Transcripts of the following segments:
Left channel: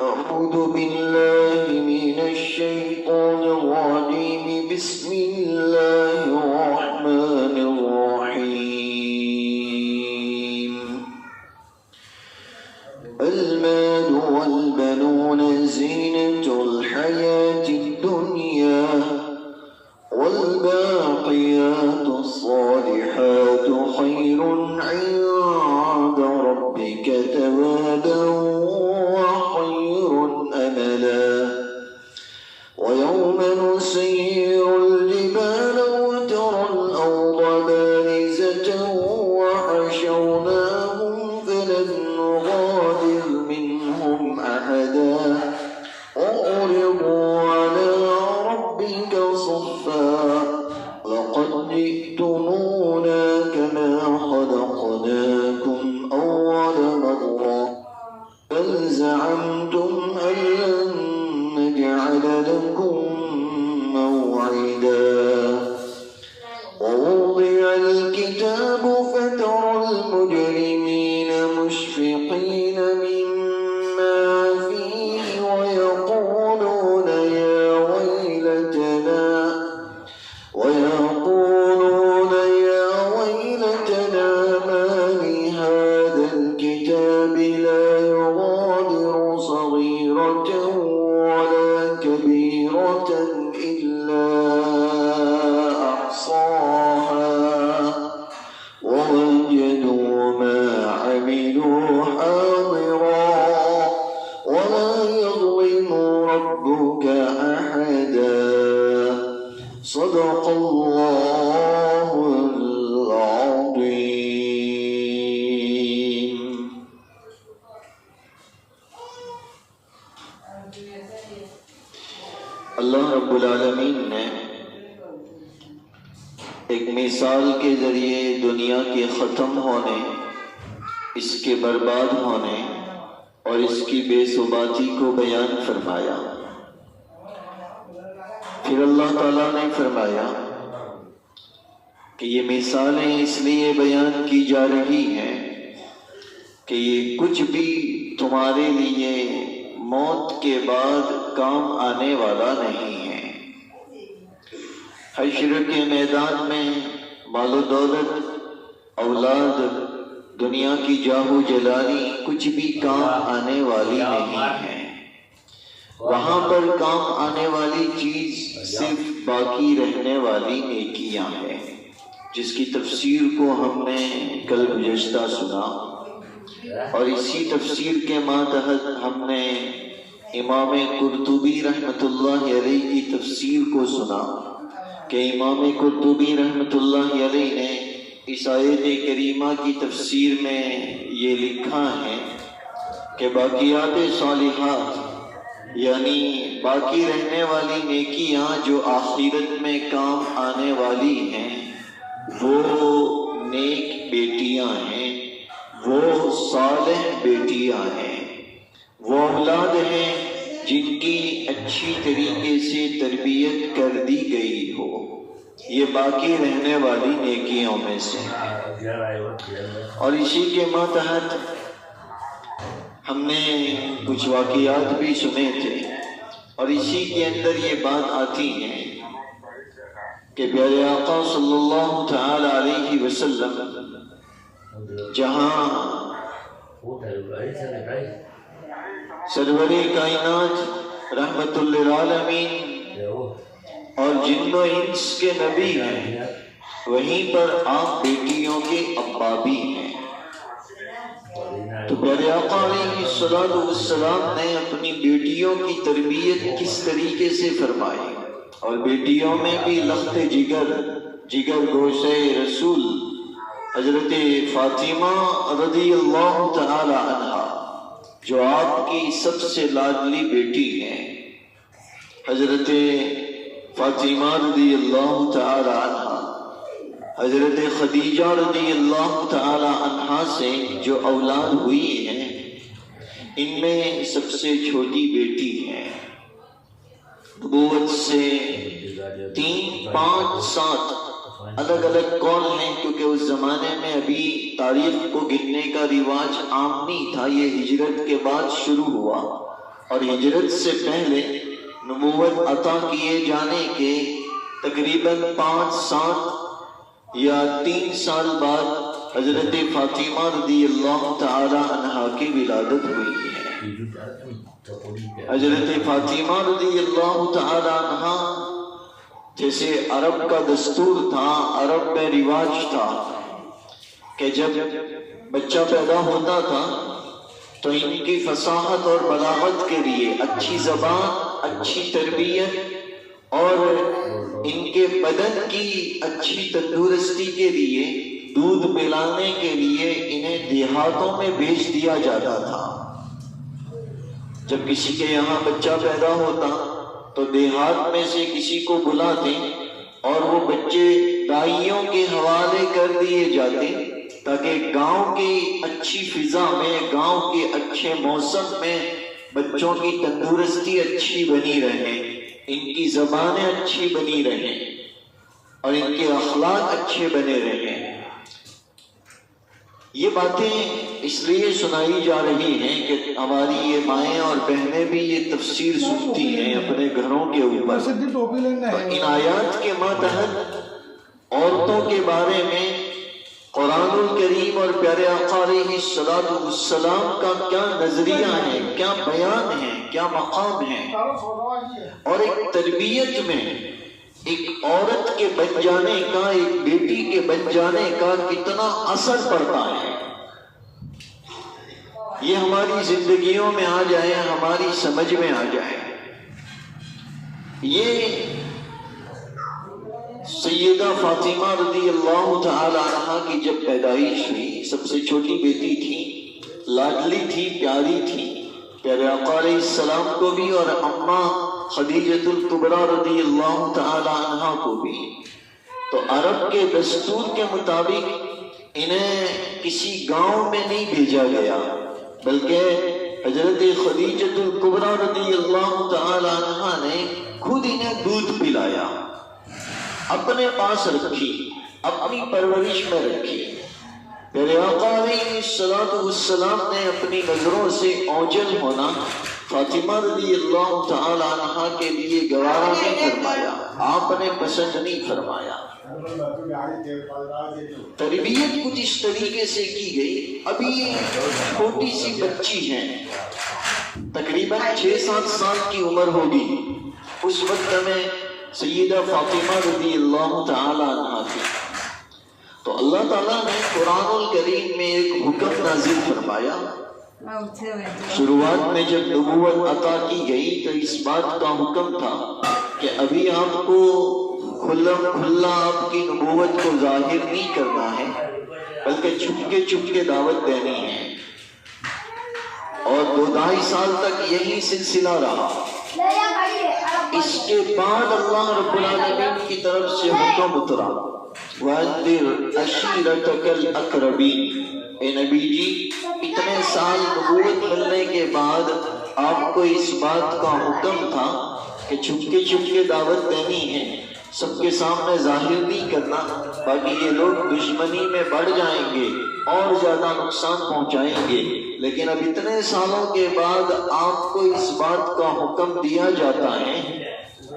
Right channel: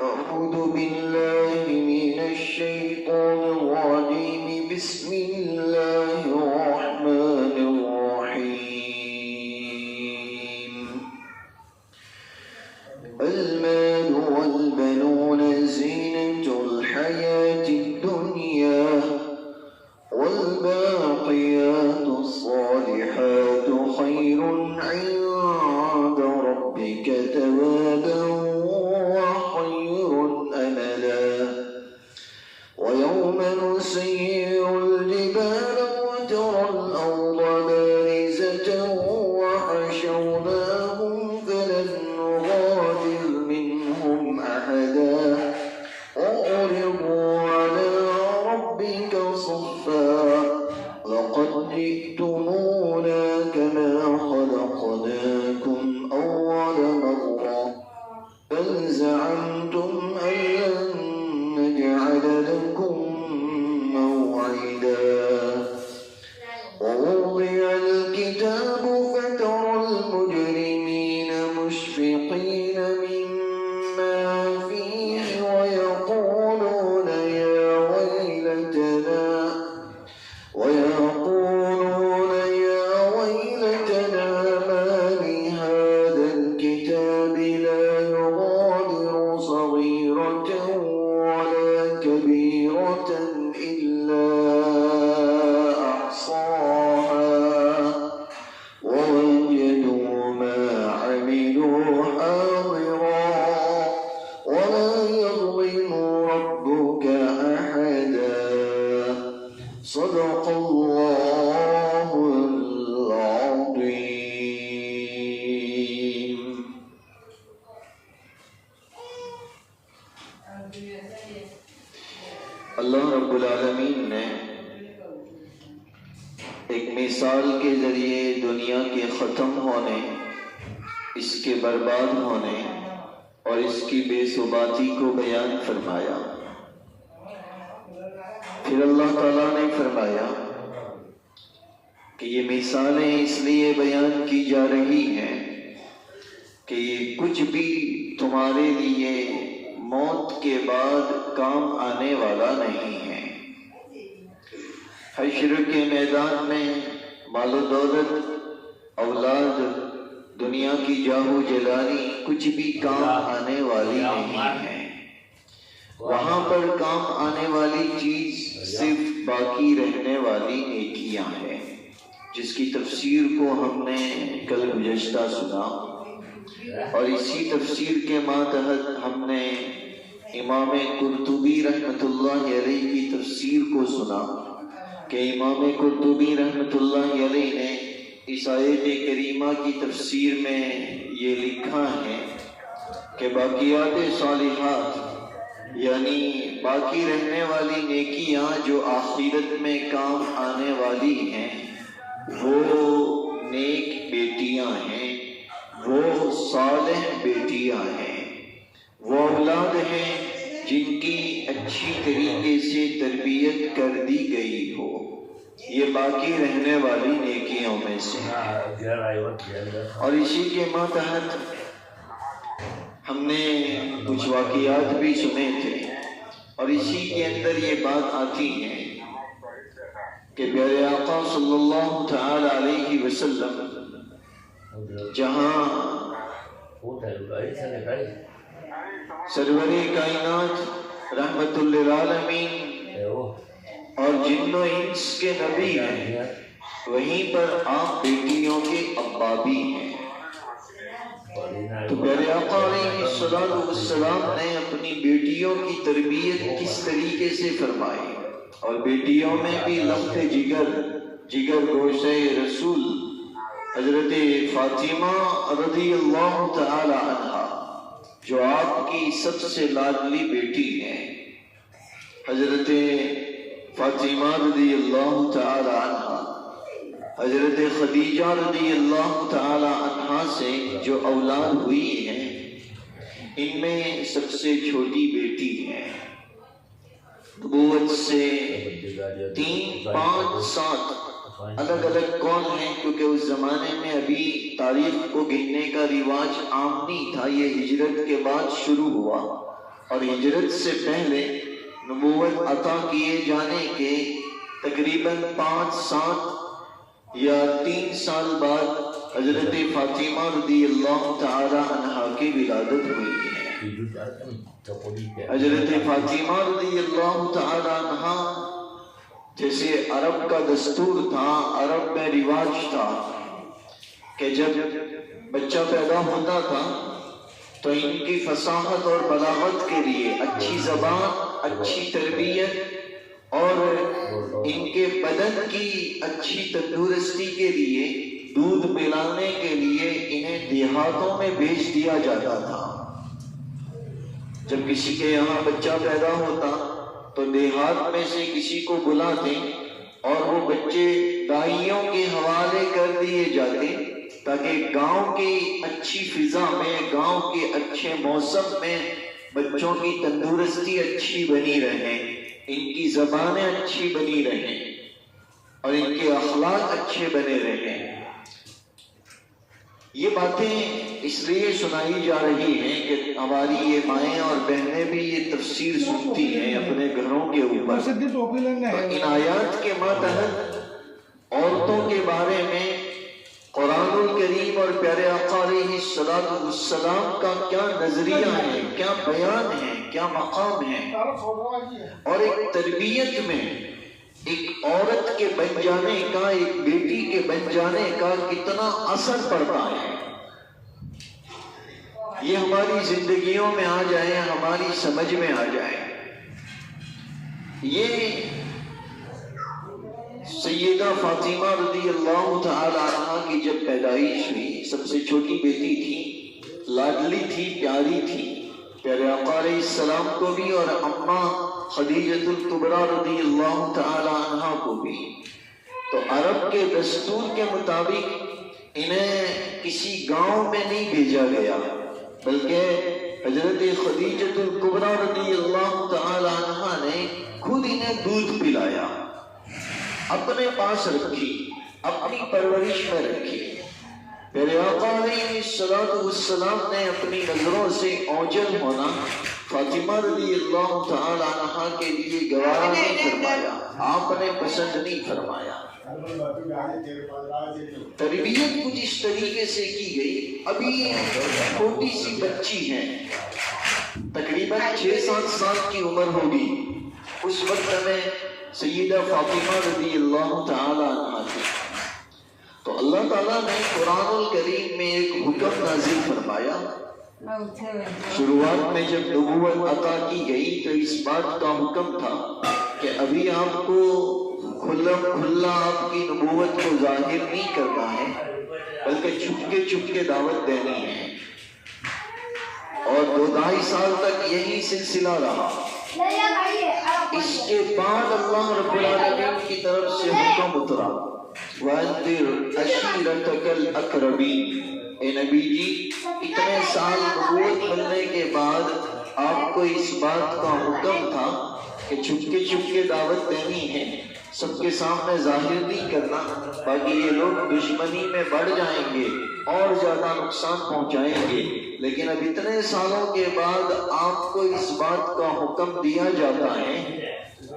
أعوذ بالله من الشيطان الرجيم بسم الله الرحمن الرحيم المال والبنون زينة الحياة الدنيا والباقيات الصالحات خير عند ربك ثوابا وخير أملا ويوم نسير الجبال وترى الأرض بارزة وحشرناهم فلم نغادر منهم أحدا وعرضوا على ربك صفا لقد جئتمونا كما خلقناكم أول مرة بل زعمتم أن لن نجعل لكم موعدا ووضع الكتاب فترى المجرمين مشفقين مما فيه ويقولون يا ويلتنا ما لهذا الكتاب لا يغادر صغيرة ولا كبيرة إلا أحصاها ووجدوا ما عملوا حاضرا ولا يظلم ربك أحدا صدق الله العظيم. اللہ رب العالمین نے ایک مثال کے ذریعے دنیا کے ختم ہونے، اس کے برباد ہونے اور اس کی بے ثباتی کو بیان فرمایا. پھر اللہ تعالیٰ نے فرمایا کہ یہ مثالیں اس لیے بیان کی جا رہی ہیں کہ یہ کچھ بھی تمہارے لیے موت کے بعد کام آنے والا نہیں ہے. حشر کے میدان میں مال و دولت، اولاد، دنیا کی جاہ و جلالی کچھ بھی کام آنے والی نہیں ہے. وہاں پر کام آنے والی چیز صرف باقی رہنے والی نیکیاں ہیں، جس کی تفسیر کو ہم نے کل گزشتہ سنا، اور اسی تفسیر کے ماتحت ہم نے امام قرطبی رحمۃ اللہ علیہ کی تفسیر کو سنا کہ امام قرطبی رحمۃ اللہ علیہ نے اس آیت کریمہ کی تفسیر میں یہ لکھا ہے کہ باقیات صالحات یعنی باقی رہنے والی نیکیاں جو آخرت میں کام آنے والی ہیں، وہ نیک بیٹیاں ہیں، وہ صالح بیٹیاں ہیں، وہ اولاد ہیں جن کی اچھی طریقے سے تربیت کر دی گئی ہو. یہ باقی رہنے والی نیکیوں میں سے. اور اسی کے ماتحت ہم نے کچھ واقعات بھی سنے تھے، اور اسی کے اندر یہ بات آتی ہے کہ پیارے آقا صلی اللہ تعالی علیہ وسلم جہاں سرور کائنات رحمت للعالمین اور جن و انس کے نبی ہیں، وہیں پر آپ بیٹیوں کے ابا بھی ہیں. تو پیارے آقا علیہ السلام نے اپنی بیٹیوں کی تربیت کس طریقے سے فرمائی، اور بیٹیوں میں بھی لخت جگر گوشہ رسول حضرت فاطمہ رضی اللہ تعالی عنہ جو آپ کی سب سے لاڈلی بیٹی ہیں، حضرت فاطمہ رضی اللہ تعالی عنہ حضرت خدیجہ رضی اللہ تعالی عنہ سے جو اولاد ہوئی ہیں، ان میں سب سے چھوٹی بیٹی ہے. نبوت سے 3، 5، 7 الگ الگ قول ہیں، کیونکہ اس زمانے میں ابھی تاریخ کو گننے کا رواج عام نہیں تھا، یہ ہجرت کے بعد شروع ہوا. اور ہجرت سے پہلے نبوت عطا کیے جانے کے تقریباً 5-7 یا 3 سال بعد حضرت فاطمہ رضی اللہ تعالی عنہا کی ولادت ہوئی ہے۔ حضرت فاطمہ رضی اللہ تعالی عنہا، جیسے عرب کا دستور تھا، عرب میں رواج تھا کہ جب بچہ پیدا ہوتا تھا تو ان کی فصاحت اور بلاغت کے لیے اچھی زبان، اچھی تربیت اور ان کے بدن کی اچھی تندرستی کے لیے دودھ پلانے کے لیے انہیں دیہاتوں میں بھیج دیا جاتا تھا۔ جب کسی کے یہاں بچہ پیدا ہوتا تو دیہات میں سے کسی کو بلاتے اور وہ بچے دائیوں کے حوالے کر دیے جاتے تاکہ گاؤں کی اچھی فضا میں، گاؤں کے اچھے موسم میں بچوں کی تندرستی اچھی بنی رہے، ان کی زبانیں اچھی بنی رہیں اور ان کے اخلاق اچھے بنے رہیں۔ یہ باتیں اس لیے سنائی جا رہی ہیں کہ ہماری یہ مائیں اور بہنیں بھی یہ تفسیر سنتی ہیں اپنے گھروں کے اوپر۔ ان آیات کے ماتحت عورتوں کے بارے میں قرآن الکریم اور پیارے آقا علیہ السلام کا کیا نظریہ ہے، کیا بیان ہے، کیا مقام ہے، اور ایک تربیت میں ایک عورت کے بن جانے کا، ایک بیٹی کے بن جانے کا کتنا اثر پڑتا ہے، یہ ہماری زندگیوں میں آ جائے، ہماری سمجھ میں آ جائے۔ یہ سیدہ فاطمہ رضی اللہ تعالی عنہا کی جب پیدائش ہوئی، سب سے چھوٹی بیٹی تھی، لاڈلی تھی، پیاری تھی، پیارے آقا علیہ السلام کو بھی اور اماں خدیجۃ الکبریٰ رضی اللہ تعالی عنہا کو بھی۔ تو عرب کے دستور کے مطابق انہیں کسی گاؤں میں نہیں بھیجا گیا، بلکہ حضرت خدیجۃ الکبریٰ رضی اللہ تعالی عنہا نے خود انہیں دودھ پلایا، اپنے پاس رکھی، اپنی پرورش میں رکھی۔ پیارے آقا علیہ السلام نے اپنی نظروں سے اوجھل ہونا فاطمہ رضی اللہ تعالی عنہا کے لیے گوارا نہیں فرمایا، آپ نے پسند نہیں فرمایا۔ تربیت کچھ اس طریقے سے کی گئی، ابھی چھوٹی سی بچی ہے، تقریباً 6-7 سال کی عمر ہوگی، اس وقت میں سیدہ فاطمہ رضی اللہ تعالی عنہا تھی۔ تو اللہ تعالیٰ نے قرآن الکریم میں ایک حکم نازل فرمایا۔ شروعات میں جب نبوت عطا کی گئی تو اس بات کا حکم تھا کہ ابھی آپ کو کھلا آپ کی نبوت کو ظاہر نہیں کرنا ہے، بلکہ چھپکے دعوت دینی ہے، اور 2-2.5 سال تک یہی سلسلہ رہا۔ اس کے بعد اللہ رب العالمین کی طرف سے حکم اترا، وَأَنذِرْ عَشِيرَتَكَ الْأَقْرَبِينَ، اے نبی جی اتنے سال نبوت ملنے کے بعد آپ کو اس بات کا حکم تھا کہ چھپکے دعوت دینی ہے، سب کے سامنے ظاہر نہیں کرنا، تاکہ یہ لوگ دشمنی میں بڑھ جائیں گے اور زیادہ نقصان پہنچائیں گے۔ لیکن اب اتنے سالوں کے بعد آپ کو اس بات کا حکم دیا جاتا ہے،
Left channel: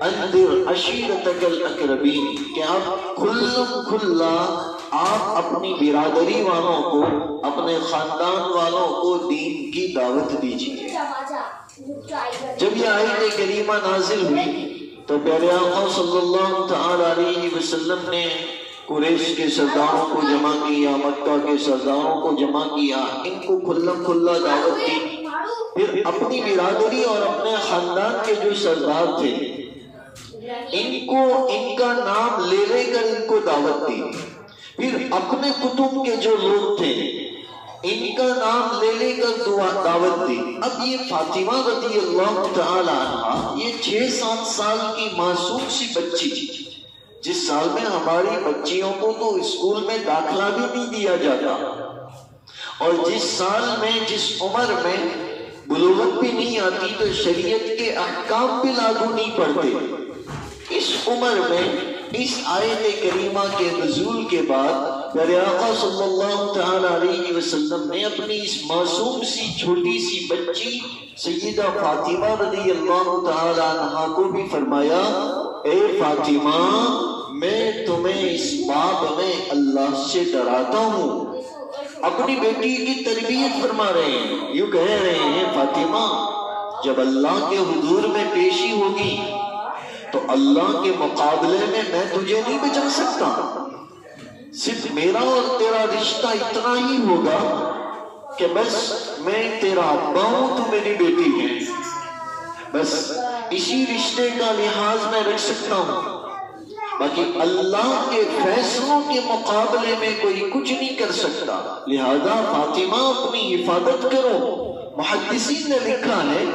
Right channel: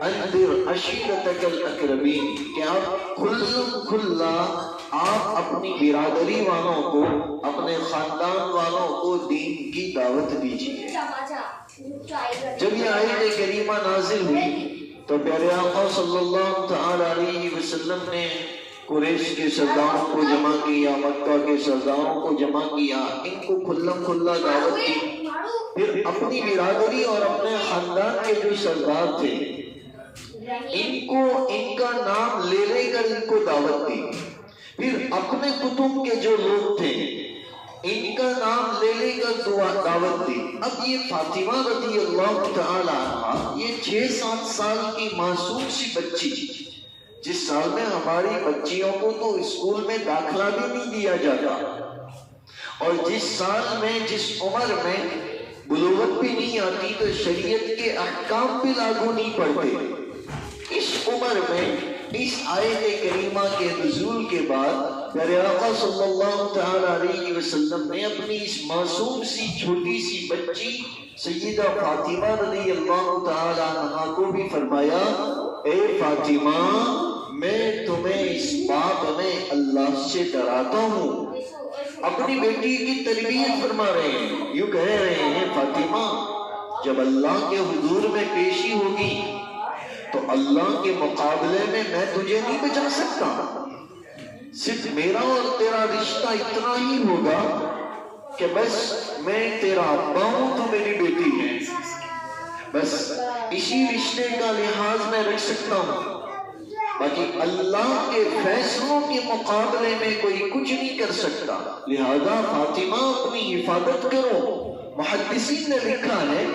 انذر عشیرتک الاقربین، کہ آپ کھلا آپ اپنی برادری والوں کو، اپنے خاندان والوں کو دین کی دعوت دیجیے۔ جب یہ آیت کریمہ نازل ہوئی تو پیارے آقا صلی اللہ تعالی علیہ وسلم نے قریش کے سرداروں کو جمع کیا، مکہ کے سرداروں کو جمع کیا، ان کو کھلا دعوت دی، پھر اپنی برادری اور اپنے خاندان کے جو سردار تھے ان کا نام لے کر ان کو دعوت دی، پھر اپنے کتب کے جو لوگ تھے ان کا نام لے کر دعوت دی۔ اب یہ فاطمہ رضی اللہ تعالی عنہا، یہ 6-7 سال کی معصوم سی بچی تھی، جس سال میں ہماری بچیوں کو تو اسکول میں داخلہ بھی نہیں دیا جاتا، اور جس سال میں، جس عمر میں بلوغت بھی نہیں آتی تو شریعت کے احکام بھی لاگو نہیں پڑتے، اس عمر میں اس آیت کریمہ کے نزول کے بعد پیارے آقا صلی اللہ تعالی علیہ وسلم نے اپنی اس معصوم سی چھوٹی سی بچی سیدہ فاطمہ رضی اللہ تعالی عنہا کو بھی فرمایا، اے فاطمہ میں تمہیں اس بات میں اللہ سے ڈراتا ہوں۔ اپنی بیٹی کی تربیت فرما رہے ہیں، یوں کہہ رہے ہیں فاطمہ جب اللہ کے حضور میں پیشی ہوگی تو اللہ کے مقابلے میں میں تجھے نہیں بچا سکتا، صرف میرا اور تیرا رشتہ اتنا ہی ہوگا کہ بس میں تیرا ابا ہوں، تو میری بیٹی ہے، بس اسی رشتے کا لحاظ میں رکھ سکتا ہوں، باقی اللہ کے فیصلوں کے مقابلے میں کوئی کچھ نہیں کر سکتا، لہذا فاطمہ اپنی حفاظت کرو۔ محدثین نے لکھا ہے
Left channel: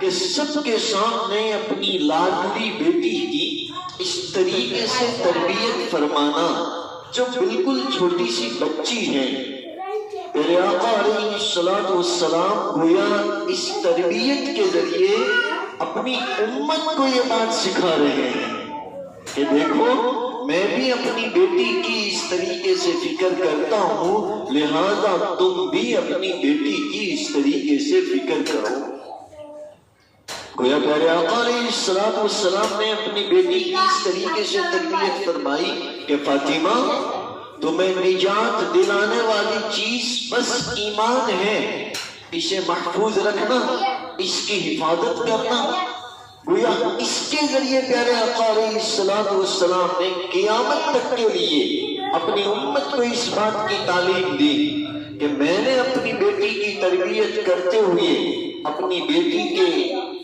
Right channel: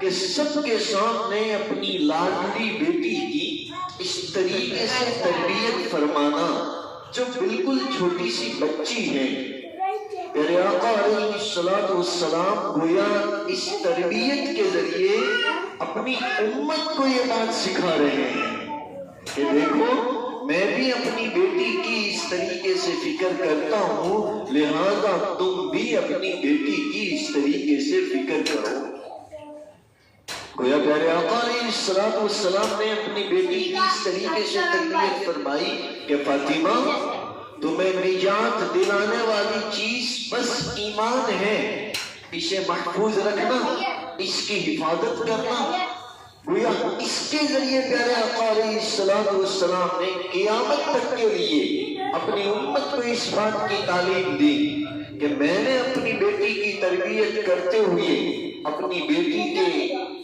کہ سب کے سامنے اپنی لاڈلی بیٹی کی اس طریقے سے تربیت فرمانا جو بالکل چھوٹی سی بچی ہے، میرے آقا علیہ الصلوۃ والسلام گویا اس تربیت کے ذریعے اپنی امت کو یہ بات سکھا رہے ہیں کہ دیکھو میں بھی اپنی بیٹی کی اس طریقے سے فکر کرتا ہوں، لہذا تم بھی اپنی بیٹی کی اس طریقے سے فکر کرو۔ گویا پیارے آقا علیہ الصلوۃ والسلام نے اپنی بیٹی کی اس طریقے سے تربیت فرمائی کہ فاطمہ تمہیں نجات دلانے والی چیز بس ایمان ہے، اسے محفوظ رکھنا، اس کی حفاظت کرنا۔ گویا اس کے ذریعے پیارے آقا علیہ الصلوۃ والسلام نے قیامت تک کے لیے اپنی امت کو اس بات کی تعلیم دی کہ میں نے اپنی بیٹی کی تربیت کرتے ہوئے اپنی بیٹی کے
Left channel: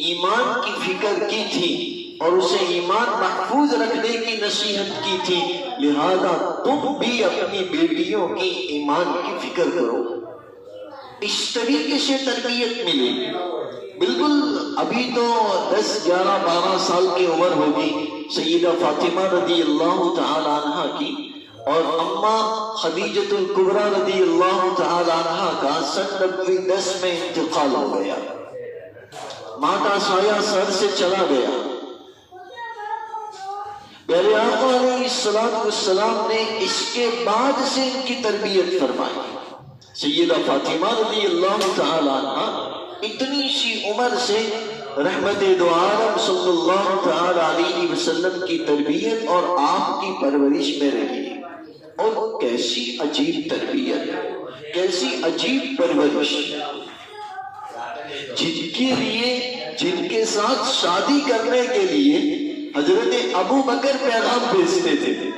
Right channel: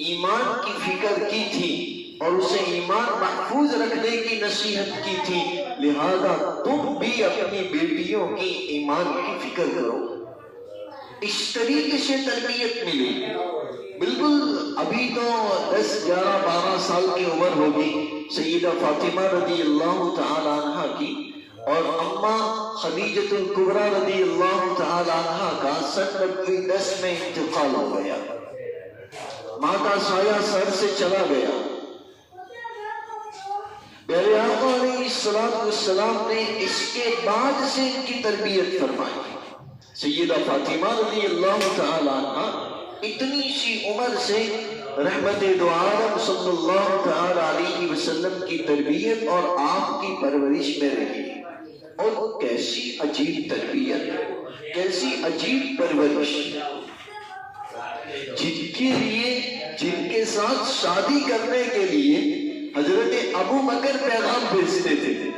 ایمان کی فکر کی تھی اور اسے ایمان محفوظ رکھنے کی نصیحت کی تھی، لہذا تم بھی اپنی بیٹیوں کی ایمان کی فکر کرو۔ اس طریقے سے تربیت ملی۔ بالکل ابھی تو 10 11 12 سال کی عمر ہوگی سیدہ فاطمہ رضی اللہ تعالی عنہ کی، اور اماں خدیجۃ الکبریٰ رضی اللہ تعالی عنہ کا 10 میں انتقال ہو گیا، ماں کا سایہ سر سے چلا گیا۔ پیارے آقا علیہ الصلوۃ والسلام نے اس کے بعد سے ان کی تربیت فرمائی۔ سیدہ فاطمہ رضی اللہ تعالی عنہ اتنی سی عمر سے رحمت دو عالم صلی اللہ تعالی علیہ وسلم کی تربیت اور آپ کی پرورش میں رہی، اور کیسی عجیب تربیت، کیسی عجیب پرورش، جن کے لیے جن کے ساتھ شادی کرنے کے لیے حضرت ابو بکر پیغام بھیجتے تھے،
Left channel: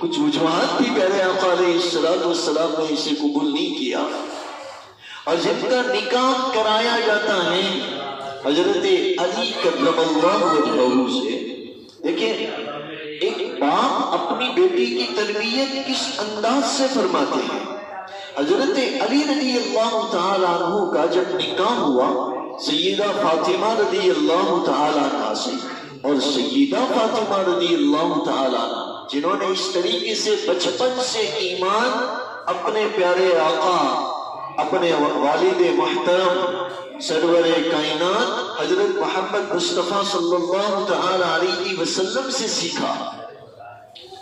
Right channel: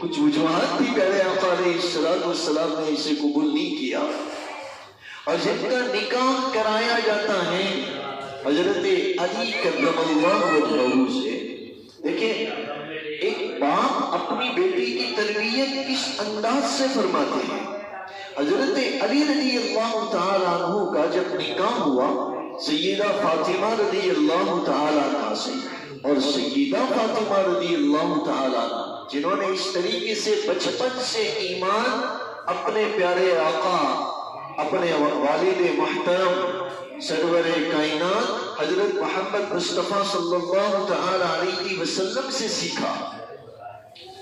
کچھ وجوہات بھی پیارے آقا علیہ الصلوۃ والسلام نے اسے قبول نہیں کیا، اور جن کا نکاح کرایا جاتا ہے حضرت علی کرم اللہ وجہہ سے۔ دیکھیں ایک باپ اپنی بیٹی کی تربیت کس انداز سے فرماتے ہیں۔ حضرت علی رضی اللہ تعالی عنہ کا جب نکاح ہوا سیدہ فاطمہ رضی اللہ تعالی عنہ سے، اور سیدہ فاطمہ رضی اللہ تعالی عنہ جنہوں نے اس طریقے سے بچپن سے ایمان اپنے پیارے آقا، اپنے والد محترم سرور کائنات حضرت محمد مصطفیٰ صلی اللہ تعالی علیہ وسلم سے سیکھا،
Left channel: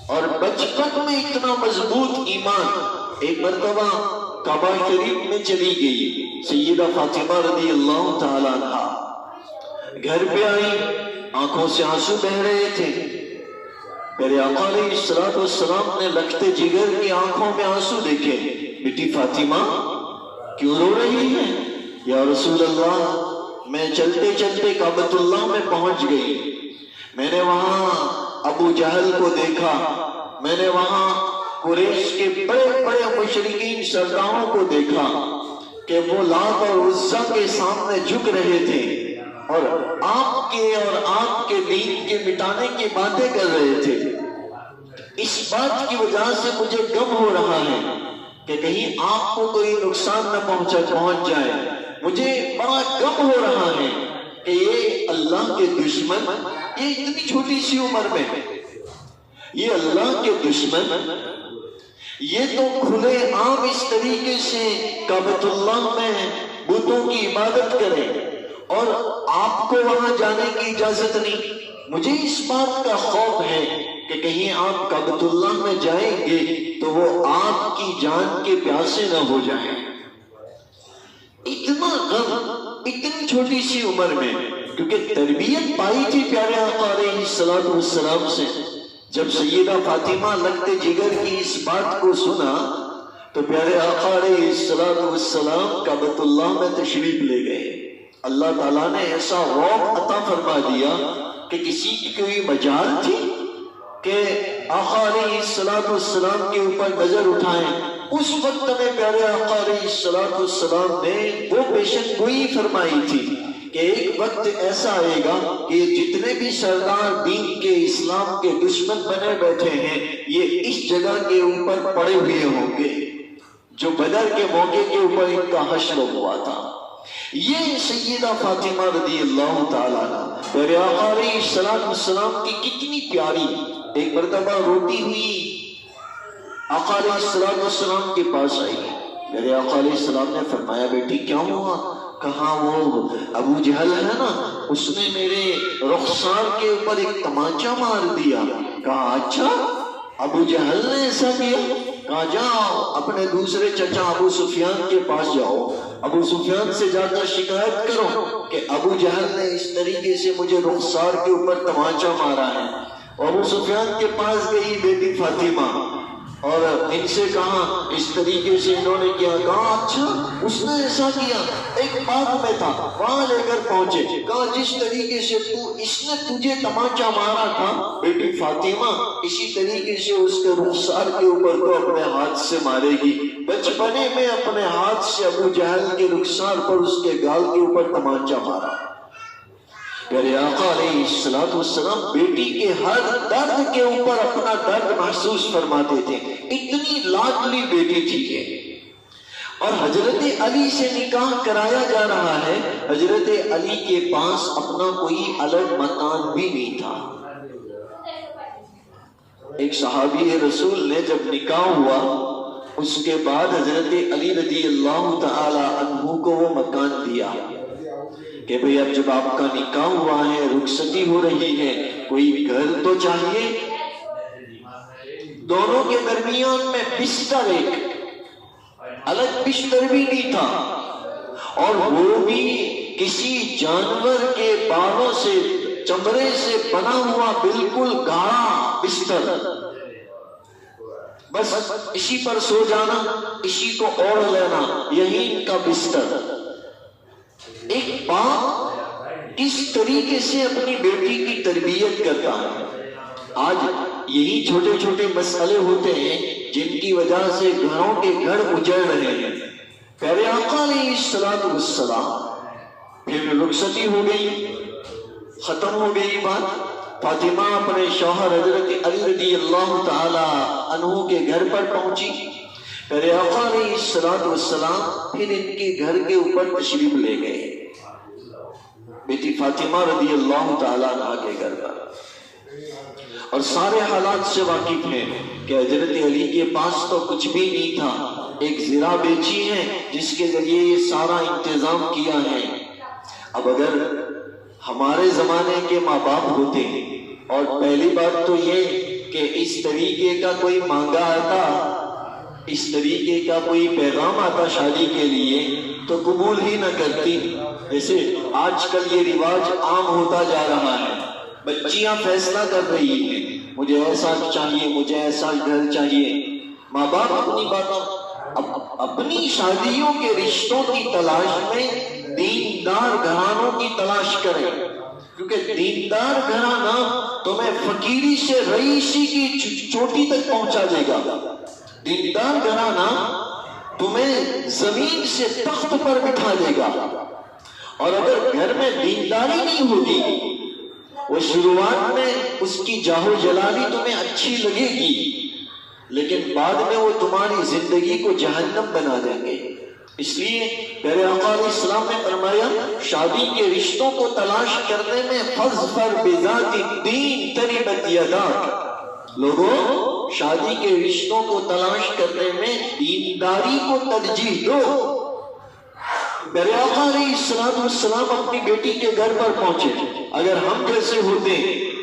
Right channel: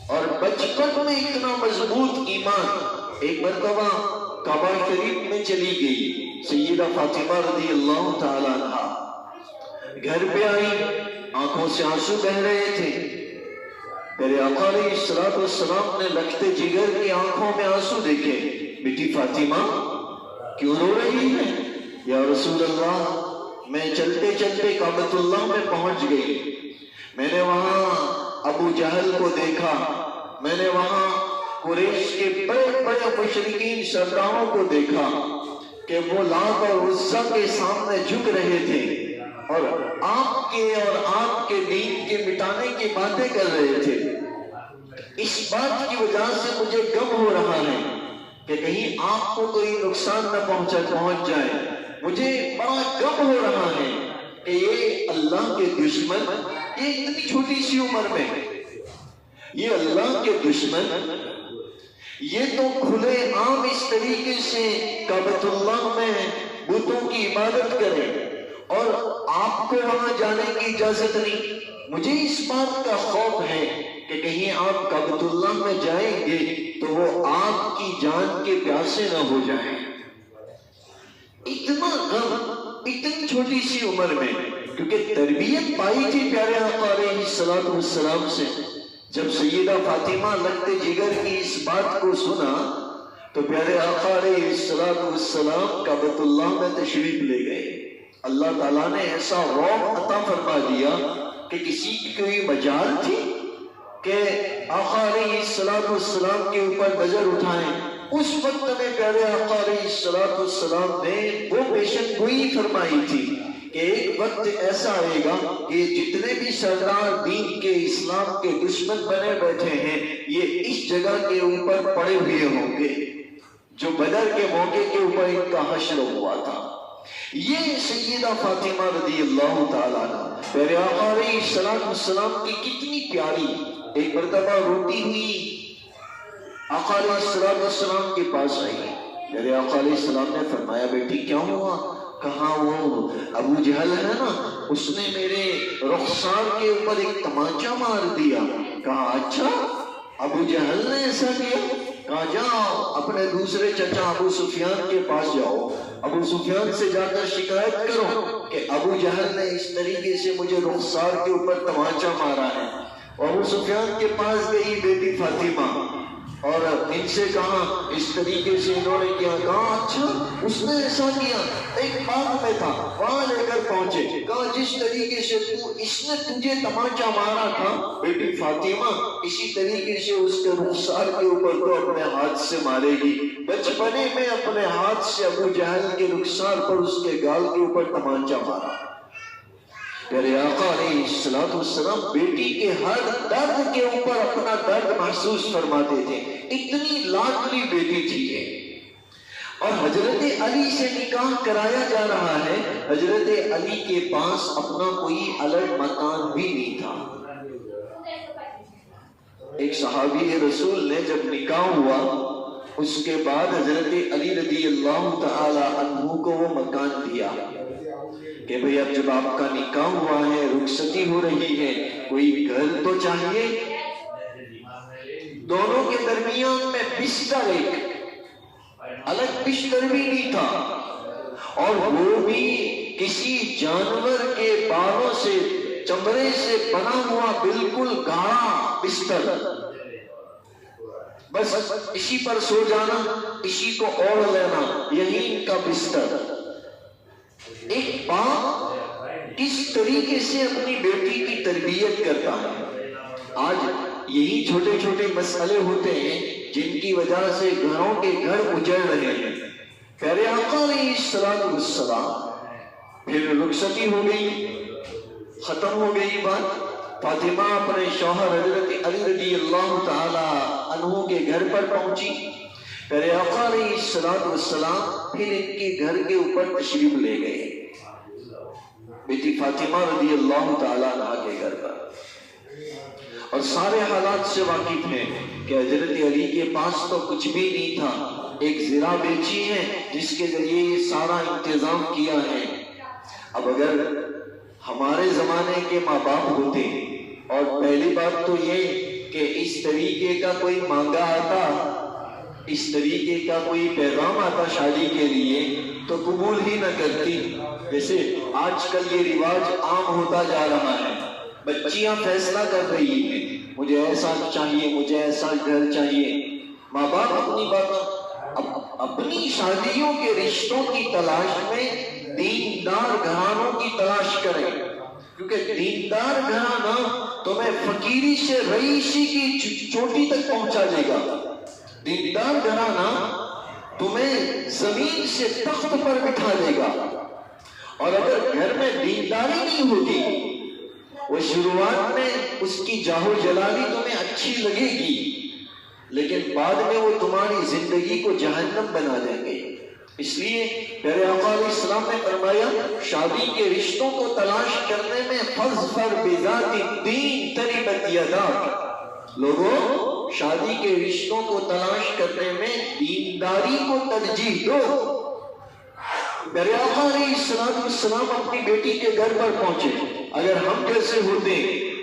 اور بچپن میں اتنا مضبوط ایمان، ایک مرتبہ کعبہ شریف میں چلی گئی سیدہ فاطمہ رضی اللہ تعالی عنہ، گھر پہ آئی، آنکھوں سے آنسو بہ رہے تھے، میرے آقا علیہ الصلوۃ والسلام نے لگتے جگر کی آنکھوں میں آنسو دیکھے، بیٹی فاطمہ کیوں رو رہی ہے؟ یا رسول اللہ میں چلتے چلتے کعبۃ اللہ میں پہنچ گئی، میں نے وہاں ابو جہل کو دیکھا، میں نے وہاں قریش کے بڑے بڑے مشرکین سرداروں کو دیکھا کہ وہ لات اور عزا کے سامنے جھک رہے تھے اور آپ کے دین کے مٹانے کی باتیں کر رہے تھے۔ اس بات کی وجہ سے مجھے غم ہو رہا ہے کہ کہیں آپ کو کوئی نقصان نہ پہنچ جائے، مجھے بڑا غم ہو رہا ہے کہ یہ اللہ کے دشمن، یہ اتنی چھوٹی سی عمر میں یہ اللہ کے دشمن، یہ تو کھلے عام اس طریقے سے کعبۃ اللہ میں بتوں کی عبادت کرے اور آپ کو وہاں جانے کی اجازت نہیں۔ مجھے اس بات کا خوف ہے کہ کہیں آپ کعبۃ اللہ میں جائیں گے تو وہ آپ کی جان کے پیاسے نہ ہو جائیں۔ اتنا غم اتنی چھوٹی سی عمر میں، کیونکہ تربیت پائی تھی پیارے آقا علیہ السلام سے۔ جب سیدہ فاطمہ لگتے جگر کی اس بات کو سنا تو پیارے آقا علیہ السلام کعبۃ اللہ میں تشریف لے گئے۔ اللہ تعالیٰ نے ایسا روح عطا فرما دیا کہ کسی کی کوئی مجال تھی کہ آقا علیہ السلام کے اوپر نظر اٹھائیں۔ اس وقت میں پیارے آقا علیہ السلام نے وہ پیشن گوئی فرمائی تھی کہ ایک وقت ایسا آئے گا کہ جتنے بھی سردار دین کے اسلام کے دشمن بنے بیٹھے ہیں یہ اس جگہ کے اوپر پڑے ہوئے ہوں گے جو بدر کے موقع کے اوپر ان کا حشر ہوا تھا۔ یہ سیدہ فاطمہ رضی اللہ تعالیٰ پیارے آقا علیہ السلام کی کتنی پیاری، ایک مرتبہ روتی ہوئی آقا علیہ السلام کے پاس آئی۔ میرے آقا علیہ السلام نے فرمایا بیٹی کیا ہوا؟ کہا وہ ابو جہل ہے نا، اس نے میرے رخسار کے اوپر ایک تمانچہ مار دیا۔ کہا اچھا ابو جہل نے ایسا کیا؟ کہا جاؤ اپنے دوسرے چچا ابو سفیان کے پاس جاؤ، ابو سفیان سے جا کر شکایت کرو کہ ابو جہل نے اس طریقے سے مجھے رخسار کے اوپر تمانچہ مارا ہے۔ ابو سفیان کے پاس گئی بیٹی فاطمہ اور ان سے کہا اس طریقے سے انہوں نے کیا۔ کہا اچھا اس نے ایسا کیا؟ ایک باغ میں تھا وہاں لے کر پہنچے۔ کہا جس طریقے سے اس نے تجھے تمانچہ مارا تھا بیٹی فاطمہ اسی طریقے سے اس کے رخسار کے اوپر تو اپنے ہاتھ سے مارے گی۔ بچپنے میں اپنے ہاتھ سے ابو جہل کے رخسار پر اس کے گال کے اوپر تمانچہ مارا۔ پیارے آقا علیہ السلام بیٹی کے ہر درد کے اوپر اپنا درد محسوس فرماتے تھے، اتنی لاڈلی بیٹی تھی یہ۔ اور حضرت علی سے نکاح کرایا جا رہا ہے، حضرت علی کے پاس اپنا کوئی الگ مکان بھی نہیں تھا۔ ایک صحابی رسول نے جب نکاح ہوا اس کے بعد حضرت علی رضی اللہ تعالی عنہ کو وہ مکان دیا کہ بھئی اب جب آپ کا نکاح ہوا ہے، رخصتی ہو رہی ہے، کوئی گھر تو چاہیے۔ دونوں کے درمیان میں بستر، ایک الگ بستر بھی نہیں تھا، اور وہ بھی کسی جانور کے باروں سے چمڑے سے بنا ہوا بالکل گاڑا بستر، بس اسی پر سو جانا، اسی کو اوڑھ لینا، یہی ان کا بستر۔ ایک باپ کس طریقے سے اپنی بیٹی کی تربیت کرتا ہے۔ آج یہی چھوٹے چھوٹے مسئلے ہوتے ہیں جن کی وجہ سے گھروں کے گھر اجڑ رہے ہیں۔ پیارے آقا علیہ السلام پھر رخصتی ہو گئی، ختم ہو گئی بات۔ فاطمہ اپنے شوہر حضرت علی رضی اللہ تعالی عنہ کے گھر پر پہنچی۔ پیارے آقا علیہ السلام پھر ان کے گھر کے اوپر تشریف لے گئے، بیٹی فاطمہ رضی اللہ تعالیٰ عنہ کے گھر پر، اور سارے حالات سے واقف ہیں کہ حضرت علی کے پاس تو کچھ بھی نہیں تھا، ایک زرہ بیچی ہے جس کے ذریعے یہ سارا انتظام کیا ہے۔ اب اگر ہمارے زمانے کے ماں باپ ہوتے اور پہلی بات تو یہ کہ اس طریقے کا کوئی مانگا آتا، اس طریقے کا کوئی پیغام آتا شادی کے لیے تو قبول ہی نہ کرتی۔ جیسے آج کل یہ رواج عام ہوتا جا رہا ہے، بچیاں فیصلہ کر رہی ہیں مجھے ایسا چاہیے، مجھے ایسا گھر چاہیے۔ ماں باپ اپنی باتوں، اپنی شادیوں کے رشتوں کی تلاش میں دیندار گھرانوں کی تلاش کریں، کیونکہ دیندار گھرانہ تمہیں فقیری سے رئیسی کی چوٹی تک پہنچا دے گا۔ دیندار گھرانہ تمہیں زمین سے تخت پر بٹھا دے گا، اور اگر گھر میں دینداری نہیں ہوگی، وہ شروعات میں اس کی جاہو جلالی تمہیں اچھی لگے گی، لیکن بعد میں وہ تمہاری زندگی کو جہنم بنا دیں گے۔ اس لیے پیارے آقا علیہ السلام نے فرمایا شادی کے رشتوں کو تلاش کرنے میں فاظفر بذات الدین تربت یداک، لوگوں شادی کے رشتوں کو تلاش کرنے میں دینداری کو ترجیح دو۔ پیارے آقا علیہ السلام اپنی بیٹی کے گھر پر پہنچے۔ اگر ہم جیسے ہوتے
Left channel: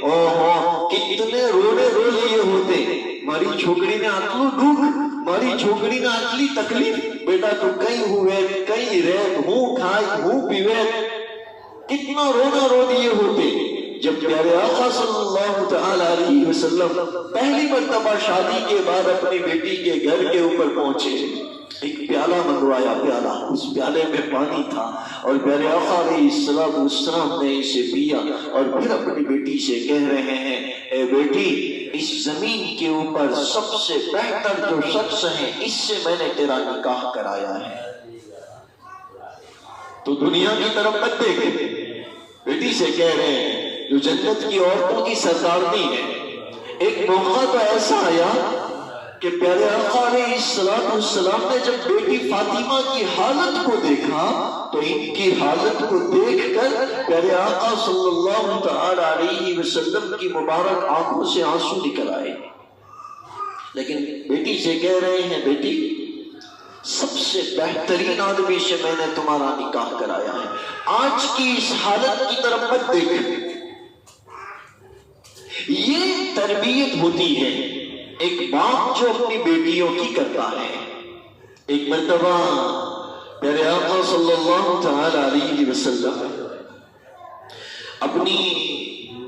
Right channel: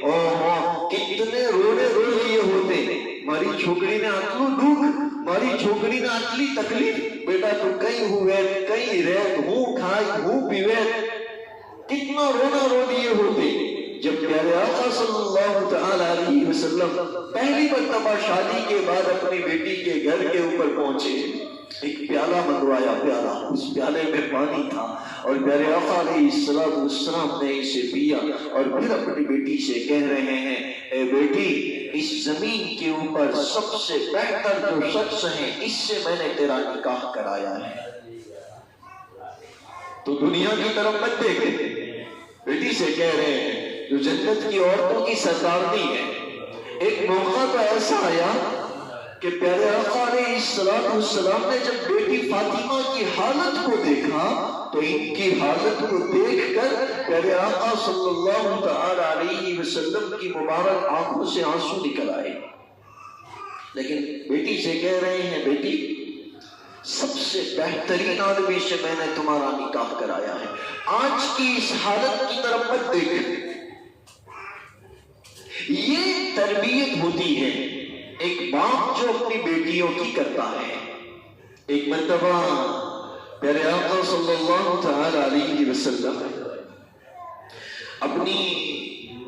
کتنے رونے رو لیے ہوتے، ماری چھوکری نے آتلو دکھ، ماری چھوکری نے آتلی تکلیف، بیٹا تو کئی ہوئے کئی ریت ہوں کھائی ہوں پیوے، کتنا رونا رو دیے ہوتے۔ جب پیارے آقا صلی اللہ تعالی علیہ وسلم پہلی مرتبہ شادی کے بعد اپنی بیٹی کے گھر کے اوپر پہنچے، ایک پیالہ منگوایا، پیالہ، اس پیالے میں پانی تھا، اور پیارے آقا علیہ السلام نے اسے پیا، اور پھر اپنی بیٹی سے کہہ رہے ہیں، اے بیٹی، اس زمین کے اوپر سب سے بہتر جو شخص ہے اس سے میں نے تیرا نکاح کرایا ہے، تو دنیا کی طرف مت دیکھے، بیٹی سے کہہ رہے ہیں جو جنت کی عورتوں کی سردارنی ہے۔ ایک موقع تو ایسا آیا کہ پیارے آقا علیہ السلام نے جب بیٹی فاطمہ کی حالت کو دیکھا تو ان کی حالت کو دیکھ کر پیارے آقا صلی اللہ تعالی علیہ وسلم کی مبارک آنکھوں سے آنسو نکل آئے، لیکن بیٹی سے کہہ رہے ہیں، بیٹی سب سے بہترین آدمی سے میں نے تمہارا نکاح کرایا ہے، آج کی اس حالت کی طرف مت دیکھ۔ یہ تربیت ہوتی ہے ایک باپ جو اپنی بیٹیوں کی کرتا ہے۔ ایک مرتبہ پیارے آقا صلی اللہ تعالی علیہ وسلم اپنی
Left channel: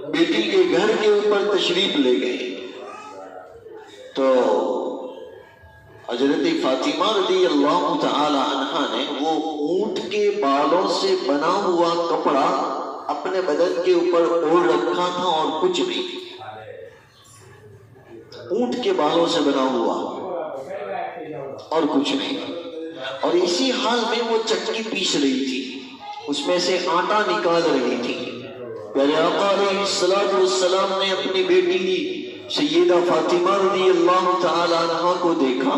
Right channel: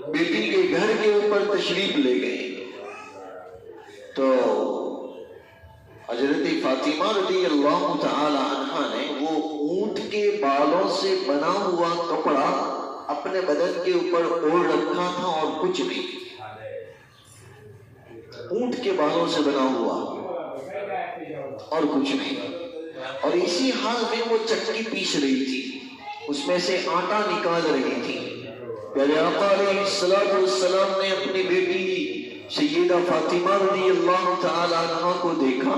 بیٹی کے گھر کے اوپر تشریف لے گئے، تو حضرت فاطمہ رضی اللہ تعالی عنہا نے وہ اونٹ کے بالوں سے بنا ہوا کپڑا اپنے بدن کے اوپر اوڑھ رکھا تھا، اور کچھ نہیں، اونٹ کے بالوں سے بنا ہوا اور کچھ نہیں، اور اسی حال میں وہ چکی پیس رہی تھی، اس میں سے آٹا نکال رہی تھی۔ پیارے آقا علیہ السلام نے اپنی بیٹی سیدہ فاطمہ رضی اللہ تعالی عنہ کو دیکھا،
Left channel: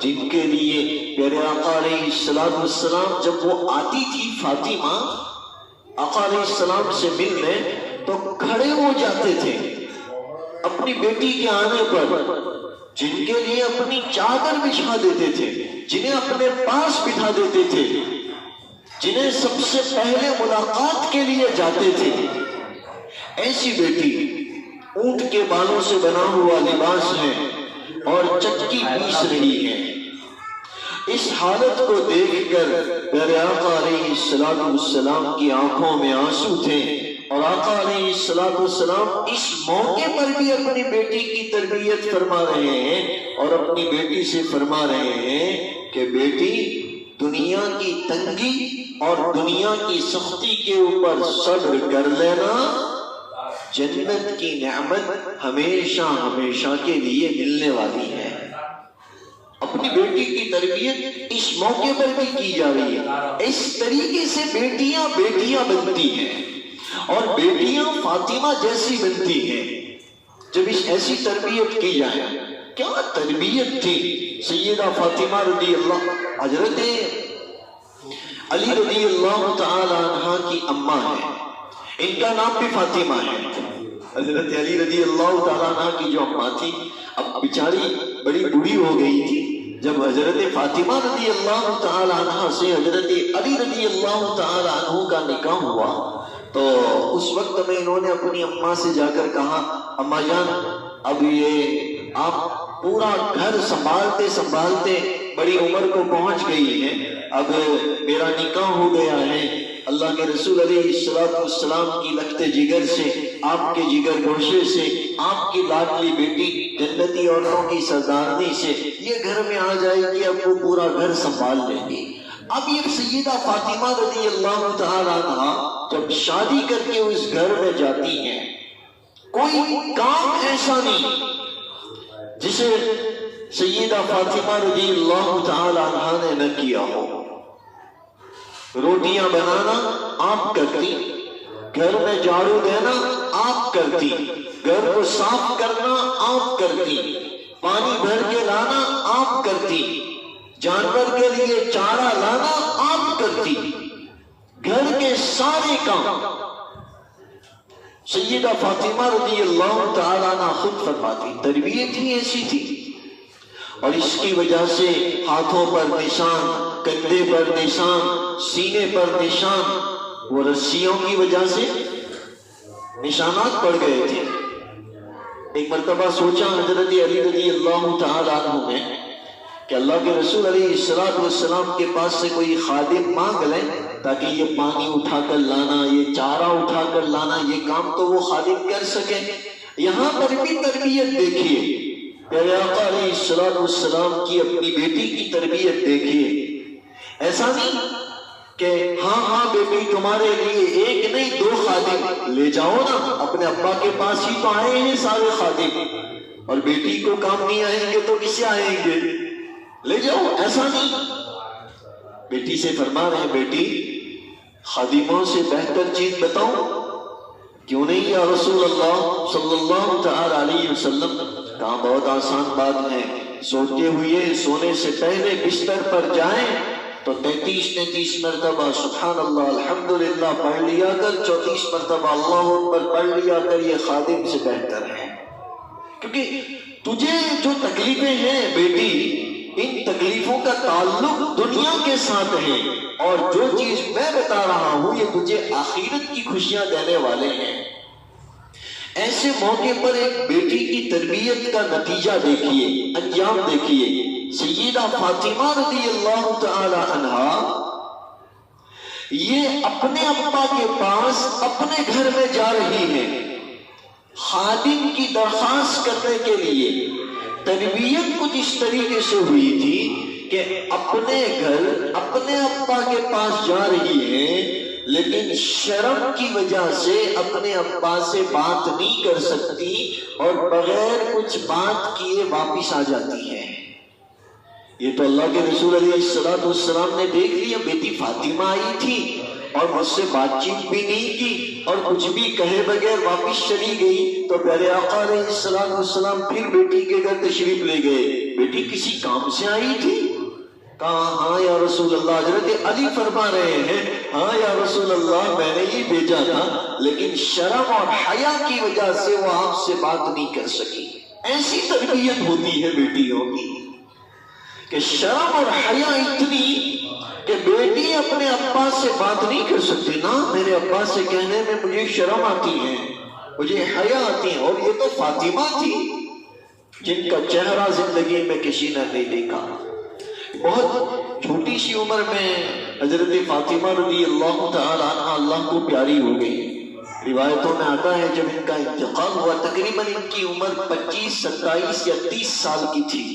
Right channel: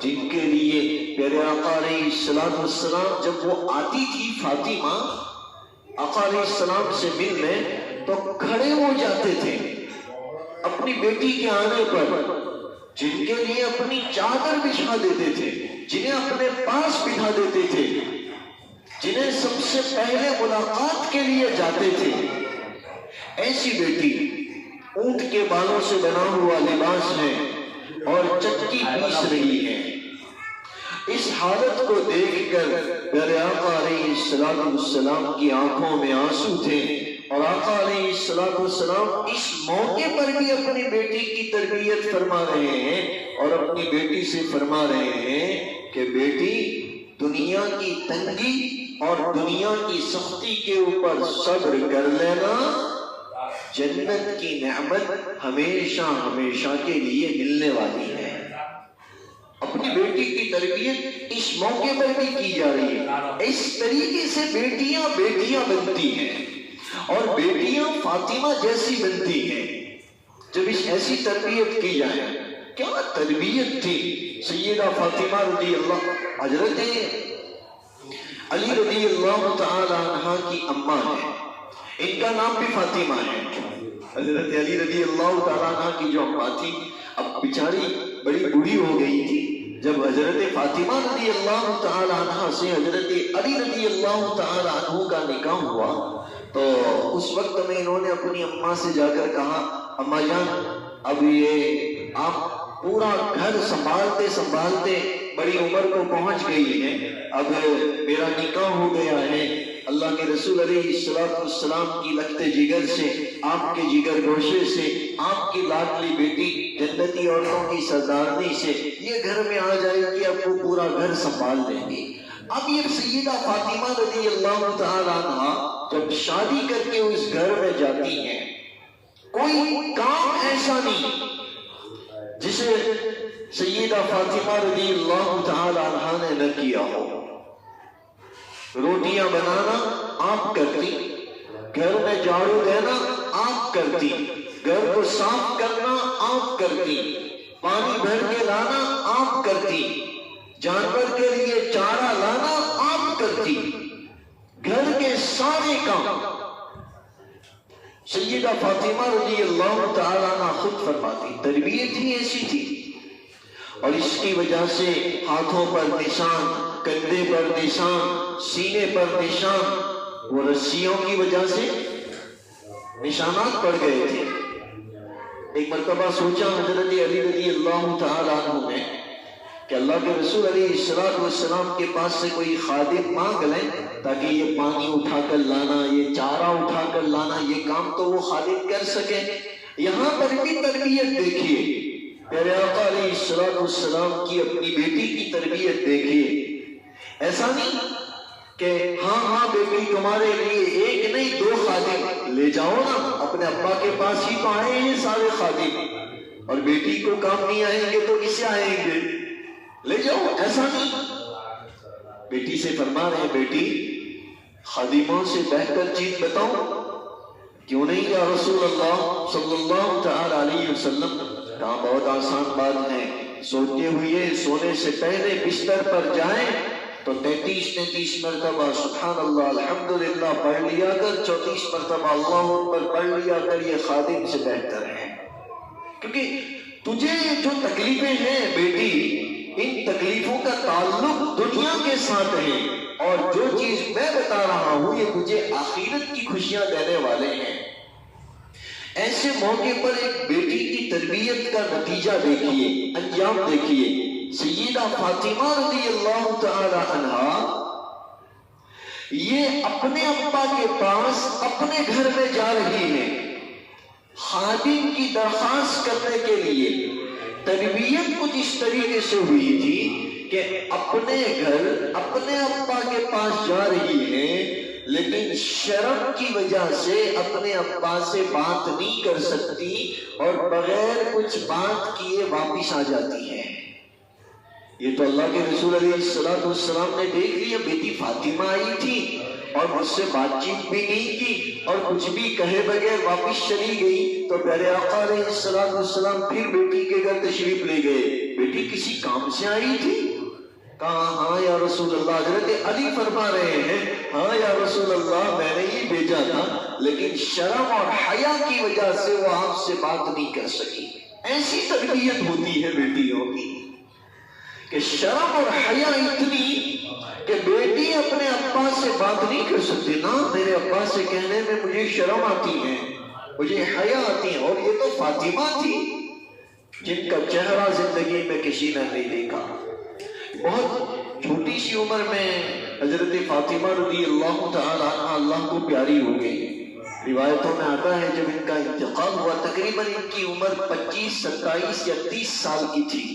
جن کے لیے پیارے آقا علیہ السلام جب وہ آتی تھی فاطمہ آقا علیہ السلام سے ملنے تو کھڑے ہو جاتے تھے اپنی بیٹی کے آنے پر، جن کے لیے اپنی چادر بچھا دیتے تھے، جنہیں اپنے پاس بٹھا دیتے تھے، جنہیں سب سے پہلے ملاقات کے لیے جاتے تھے۔ ایسی بیٹی اونٹ کے بالوں سے بنا ہوا لباس ہے اور چکی پیس رہی ہے۔ اس حالت کو دیکھ کر پیارے آقا علیہ السلام کی آنکھوں میں آنسو تھے، اور آقا علیہ السلام اس موقع پر بھی اپنی بیٹی کی تربیت فرما رہے ہیں، اور اپنی بیٹی سے فرما رہے ہیں کہ بیٹی، دنیا کی تنگی اور دنیا کی سختی کے اوپر صبر کر لینا، جنت کی نعمت ہمیشہ ہمیشہ کے لیے ملنے والی ہے۔ اپنی بیٹی کی تربیت اس موقع پر بھی کی جا رہی ہے۔ اس طریقے سے بیٹیاں بنتی ہیں، اور بیٹیاں فاطمہ جیسی بنتی ہیں جب اس ایسی تربیت کی جائے۔ کیا تربیت تھی سیدہ فاطمہ رضی اللہ، حضرت علی رضی اللہ تعالی عنہ کی اماں ہے، ان کا نام بھی فاطمہ ہے۔ حضرت علی رضی اللہ تعالی عنہ کی جو اماں تھی، اب بیچاری بڑی بوڑھی ہو گئی تھی، جب حضرت فاطمہ رضی اللہ تعالی عنہ سے حضرت علی رضی اللہ تعالی عنہ کا نکاح ہوا، تو اس وقت میں انہوں نے اپنی اماں سے جا کر کہا، اماں جان، اب یہ آپ پورا گھر سنبھالتے سنبھالتے بڑی عمر کو پہنچ گئی ہیں، اب میرا نکاح ہو گیا ہے، اللہ کے رسول علیہ السلام کی لخت جگر سے، آپ کے جگر گوشے سے، آپ کی لاڈلی بیٹی جنتی عورتوں کی سردارنی سے یہ گھر میں آ جائے گی، اب وہ پورا گھر سنبھال لیں گی۔ اب یہ سیدہ فاطمہ رضی اللہ تعالی عنہ جب شادی کر کے اس گھر میں جاتی ہیں، کوئی کام ایسا نہیں جسے سیدہ فاطمہ رضی اللہ تعالی عنہ نے نہ کیا ہو۔ روٹیاں بنانا آپ کرتی، گھر میں جھاڑو دینا آپ کرتی، گھر کو صاف کرنا آپ کرتی، پانی بھر کے لانا آپ کرتی، جانور کے لیے چارہ لانا آپ کرتی، گھر کے سارے کام سیدہ فاطمہ رضی اللہ تعالی عنہ خود فرماتی۔ تربیت ہی ایسی تھی، اور اس کی وجہ سے ہاتھوں پر نشان، کندھے پر نشان، سینے پر نشان، وہ رسیوں کی وجہ سے نشانات پڑ گئے تھے۔ ایک مرتبہ سوچا حضرت علی رضی اللہ تعالیٰ عنہ نے کہ اللہ کے رسول علیہ السلام کے پاس سے کوئی خادم مانگ لیں تاکہ یہ پانی اٹھا کر لانا، یہ چارہ اٹھا کر لانا، یہ کام تو وہ خادم کر سکے۔ یہاں پر بھی تربیت دیکھیے، پیارے آقا علیہ السلام کی اپنی بیٹی کی تربیت دیکھیے۔ ایسا نہیں کہ ہاں بیٹی تمہارے لیے ایک نہیں 2 خادم لے جاؤ نا، اپنے ابا کے پاس ہی تو آئے ہیں سارے خادم، اور بیٹی کو کام نہیں آئیں گے تو کس سے آئیں گے، لے جاؤ۔ ایسا نہیں، بیٹی سے فرما رہے ہیں بیٹی خادموں سے بہتر چیز بتاؤ، کیوں نہیں یا رسول اللہ صلی اللہ تعالی علیہ وسلم؟ کہاں بہت آسان بات ہے، سوتے ہوئے سونے سے پہلے بستر پر جائیں تو 33 مرتبہ سبحان اللہ الحمدللہ پڑھ لیا کر، 34 مرتبہ اللہ اکبر پڑھ لیا کر، یہ خادم سے بہتر ہے۔ کیونکہ تجھے جو تکلیفیں ہیں بیٹی، ان تکلیفوں کا تعلق دنیا کے ساتھ ہے، اور جو چیز میں بتا رہا ہوں یہ تجھے آخرت کی خوشیاں دینے والے ہیں۔ ایسے موقع پر ایک بیٹی کی تربیت کا نتیجہ دیکھیے، انجام دیکھیے۔ سیدہ فاطمہ رضی اللہ تعالی عنہا یہ اپنے ابا کے پاس اپنے گھر میں جا رہی ہے خادم کی درخواست کرنے کے لیے۔ تربیت کچھ اس طریقے سے ہوئی تھی کہ اپنے گھر اپنے ابا کے پاس جا رہی ہے، لیکن شرم کی وجہ سے اپنے ابا سے بات نہیں کر سکتی، اور بغیر کچھ بات کیے واپس آ جاتی ہے۔ یہ تو اللہ کے رسول علیہ السلام نے دیکھ لیا، بیٹی فاطمہ آئی تھی اور مجھ سے بات چیت بھی نہیں کی اور کچھ بھی کہے بغیر واپس چلی گئی، تو پیارے آقا علیہ السلام پھر بیٹی کے گھر تشریف لے گئے۔ بیٹی کسی کام سے آئی تھی؟ کہا ہاں یا رسول اللہ۔ حضرت علی فرما رہے ہیں ہاں یا رسول اللہ، میں نے یہ بھیجا تھا، لیکن شرم اور حیا کی وجہ سے وہ آپ سے بات نہیں کر سکی۔ ایسی تربیت ہوتی ہے بیٹیوں کی کہ شرم اور حیا اتنی کہ بیٹی اپنے ابا سے بات نہیں کر سکتی، نا میرے ابا سے کہنے میں مجھے شرم آتی ہے، مجھے حیا آتی ہے۔ اور یہ تو فاطمہ تھی جن کا چہرہ زندگی میں کسی نے نہیں دیکھا۔ بہت چھوٹی سی عمر میں حضرت فاطمہ رضی اللہ تعالی عنہ اللہ کو پیاری ہو گئی۔ روایتوں میں آتا ہے جب ان کا انتقال ہوا تقریباً ان کی عمر 25، 27 یا 30 سال کی تھی۔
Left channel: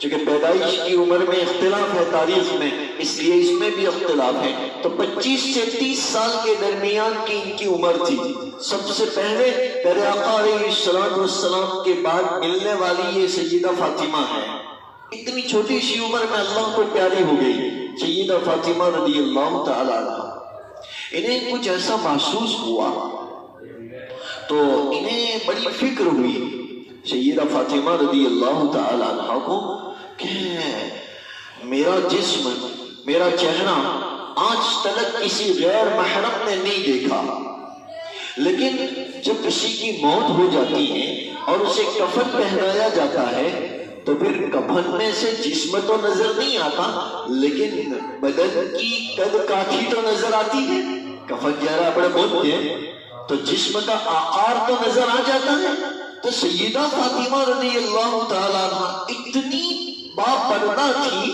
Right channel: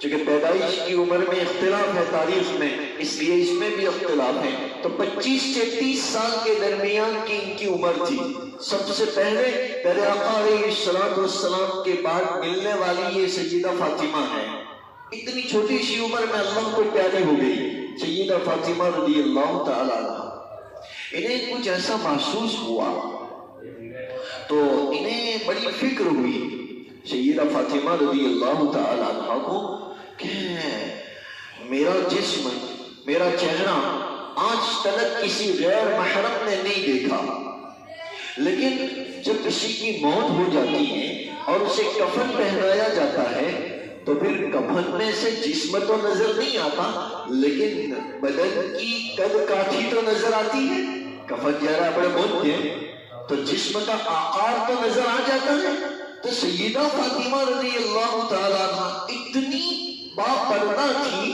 چونکہ پیدائش کی عمر میں اختلاف ہے تاریخ میں، اس لیے اس میں بھی اختلاف ہے، تو 25 سے 30 سال کے درمیان کی ان کی عمر تھی۔ سب سے پہلے پیارے آقا علیہ السلام کے بعد ملنے والی یہ سیدہ فاطمہ ہے۔ اتنی چھوٹی سی عمر میں اللہ کو پیاری ہو گئی سیدہ فاطمہ رضی اللہ تعالی عنہ۔ انہیں کچھ ایسا محسوس ہوا تو انہیں بڑی فکر ہوئی سیدہ فاطمہ رضی اللہ تعالی عنہ کو کہ میرا جسم، میرا چہرہ آج تک کسی غیر محرم نے نہیں دیکھا، لیکن جب کسی کی موت ہو جاتی ہے اور اسے کفن پہنایا جاتا ہے تو پھر کفن میں سے جسم تو نظر نہیں آتا، لیکن بدن کی قد کاٹھی تو نظر آتی ہے۔ کفن جہرا بڑے بہت ہے تو جسم کا آقار تو نظر آ جاتا ہے۔ تو سیدہ فاطمہ رضی اللہ تعالیٰ عنہ اتنی باپردہ تھی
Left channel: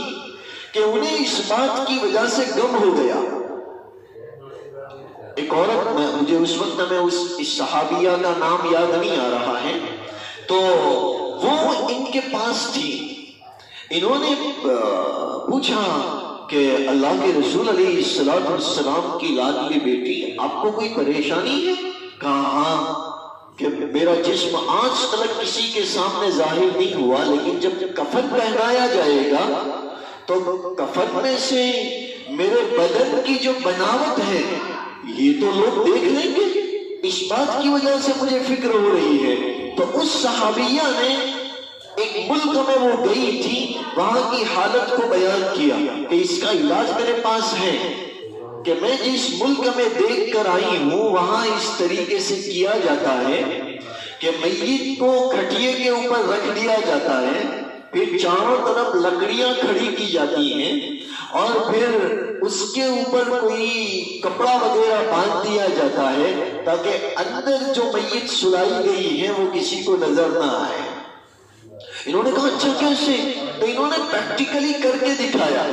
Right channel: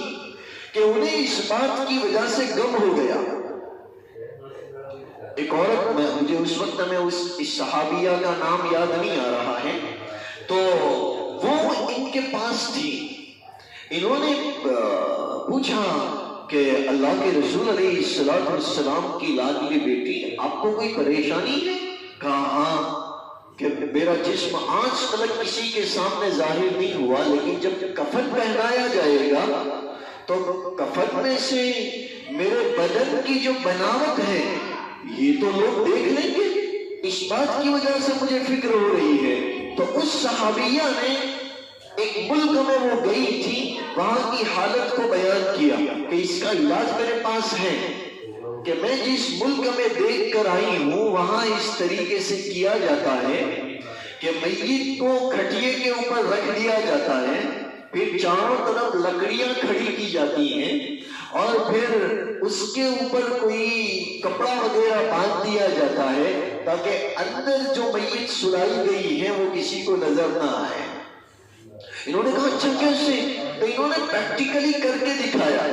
کہ انہیں اس بات کی وجہ سے غم ہو گیا۔ ایک عورت، مجھے اس وقت میں اس صحابیہ کا نام یاد نہیں آ رہا ہے، تو وہ ان کے پاس تھی۔ انہوں نے پوچھا کہ اللہ کے رسول علیہ السلام کی لاڈلی بیٹی آپ کو کوئی پریشانی ہے؟ کہا ہاں، کہ میرا جسم آج تک کسی کے سامنے ظاہر نہیں ہوا، لیکن جب کفن پہنایا جائے گا تو کفن میں سے میرے بدن کی جو بناوٹ ہے یہ تو لوگ دیکھ لیں گے، اس بات کی وجہ سے مجھے فکر ہو رہی ہے۔ تو اس صحابیہ نے ایک ملک میں وہ گئی تھی، وہاں کی حالت کو بیان کیا کہ اس کا علاج میرے پاس ہے، کہ میں جس ملک میں دیکھ کر آئی ہوں وہاں اس طریقے سے کیا جاتا ہے کہ میت کو کھٹیے کے اوپر رکھ دیا جاتا ہے، پھر چاروں طرف لکڑیاں کھڑی کی جاتی ہیں اور پھر اس کے اوپر کوئی کپڑا وغیرہ باندھ دیا جاتا ہے، تاکہ اندر جو میت سلائی گئی ہے وہ کسی کو نظر نہ آئے۔ انہوں نے کہا اچھا کیسے؟ تو انہوں نے پریکٹیکلی کر کے دکھایا۔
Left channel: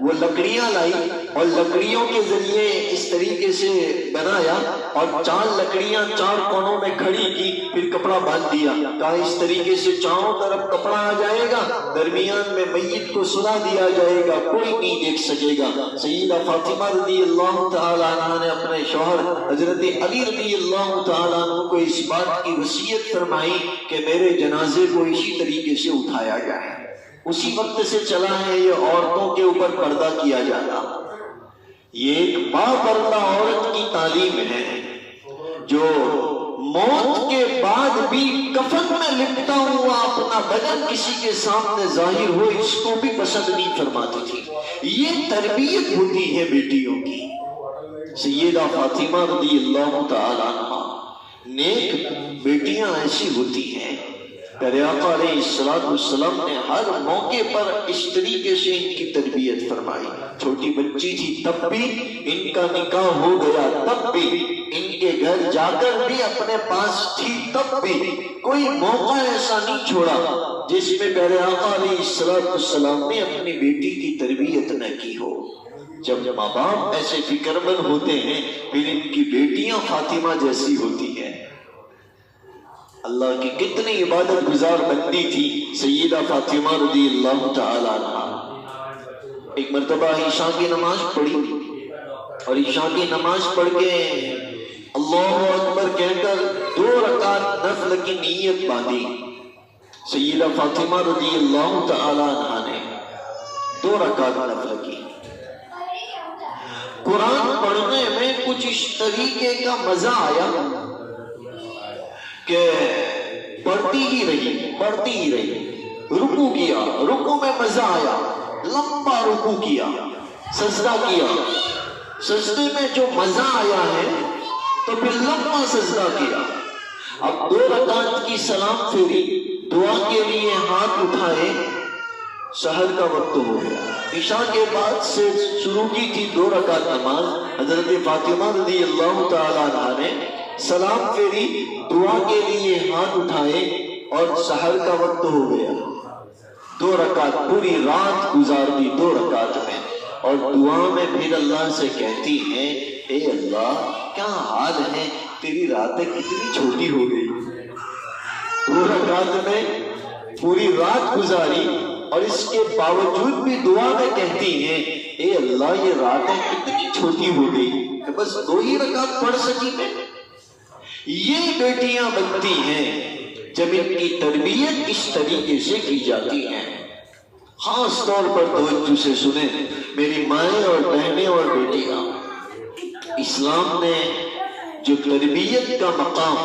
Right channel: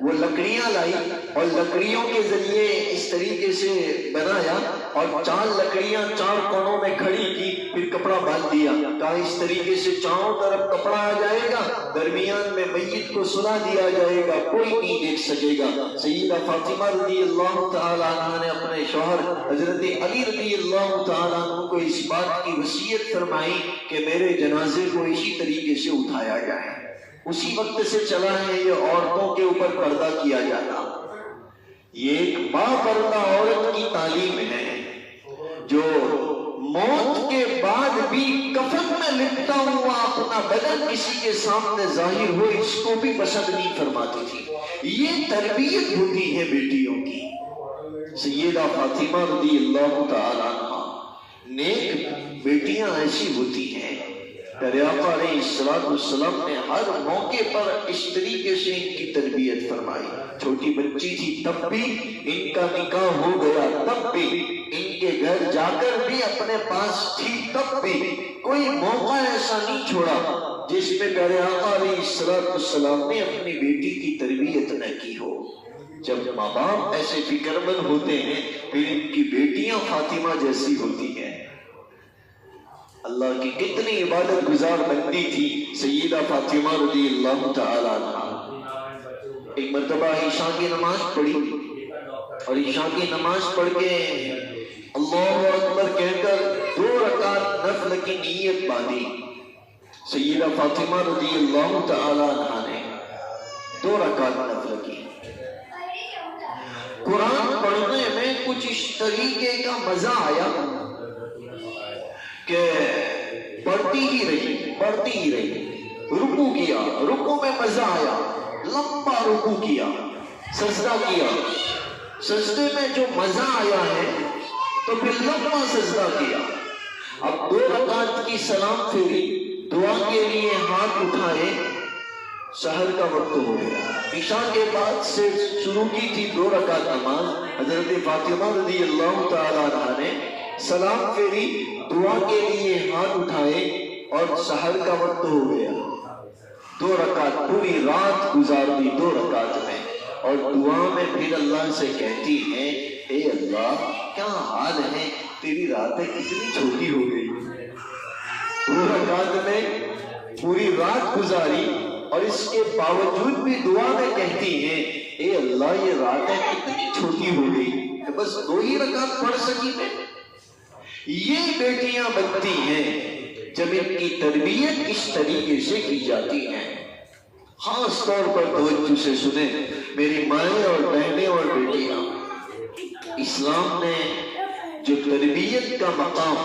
وہ لکڑیاں لائی اور لکڑیوں کے ذریعے اس طریقے سے بنایا اور 4 لکڑیاں 4 کونوں میں کھڑی کی، پھر کپڑا باندھ دیا، کہا اس طریقے سے چاروں طرف کپڑا آ جائے گا، درمیان میں میت کو سلا دیا جائے گا، کوئی نہیں دیکھ سکے گا۔ سیدہ فاطمہ رضی اللہ تعالیٰ عنہ نے اپنے شوہر حضرت علی رضی اللہ تعالیٰ عنہ کو اس بات کی وصیت فرمائی کہ میرے جنازے کو اسی طریقے سے اٹھایا جائے۔ اسی وقت سے چلا ہے یہ عورتوں کے اوپر پردہ کیا جاتا۔ یہ ایک باپردہ عورت کی تعلیم ہے جو موت کے بعد بھی کفن میں لپٹا ہوا اپنا بدن کسی کے سامنے ظاہر ہو اس کو بھی پسند نہیں فرماتی تھی۔ یہ تربیت ہوتی ہے بیٹیوں کی۔ سیدہ فاطمہ رضی اللہ تعالیٰ عنہ، نیک بیٹیاں ایسی ہوتی ہیں۔ پیارے آقا علیہ السلام نے ہر موقع پر اس طریقے سے ان کی تربیت فرمائی۔ چھوٹی بچی تھی تب بھی، ان کا نکاح ہو گیا تب بھی، ان کے گھر جا کر بھی اپنے پاس تھی تب بھی، کوئی موقع ایسا نہیں چھوڑا جس میں پیارے آقا علیہ السلام نے اپنی بیٹی کی تربیت نہ کی ہو۔ جب ماں باپ ایسے فکر مند ہوتے ہیں پھر ان کی بیٹیاں فاطمہ جیسی ہوتی ہیں۔ اللہ کی کتنی عبادت گزار بندی تھی سیدہ فاطمہ رضی اللہ تعالیٰ عنہ۔ ایک مرتبہ عشاء کی نماز پڑھی اور عشاء کی نماز پڑھ کے اللہ اکبر کہہ کر 2 رکعت نفل کی نیت باندھی۔ سیدہ فاطمہ رضی اللہ تعالیٰ عنہ نے 2 رکعت نفل کی۔ قرآن پڑھنے میں کچھ اس طریقے کا مزہ آیا کہ پڑھتی ہی رہی، رکوع کیا، رکوع میں مزہ آیا، لمبا رکوع کیا، سجدہ کیا، سجدے میں جو مزہ آیا ہے تو پھر لمبا سجدہ کیا۔ اب 2 رکعت کی سلام پھیری، دعا کے لیے ہاتھ اٹھائے، سحر کا وقت ہو گیا۔ عشاء کے بعد سے شروع کی تھی 2 رکعت نماز، حضرت فاطمہ رضی اللہ تعالیٰ عنہ نے سلام پھیری، دعا کے لیے ہاتھ اٹھائے اور سحر کا وقت ہو گیا۔ 2 رکعت پوری رات گزار دی 2 رکعت میں، اور دعا میں پھر اللہ سے کہتی ہیں اے اللہ کیا حال ہے، تیری راتیں کتنی چھوٹی ہو گئی۔ 2 رکعت میں پوری رات گزاری اور اس کے باوجود بھی دعا میں کہتی ہیں اے اللہ یہ راتیں کتنی چھوٹی ہو گئی کہ بس 2 ہی رکعت پڑھ سکی میں۔ یہ بیٹیاں بنتی ہیں جب ان کی تربیت اس طریقے سے کی جاتی ہے۔ خاص طور پر توجہ سے سنیں میری مائیں اور بہنیں اور بیٹیاں، اسلام نے جو تربیت کا مقام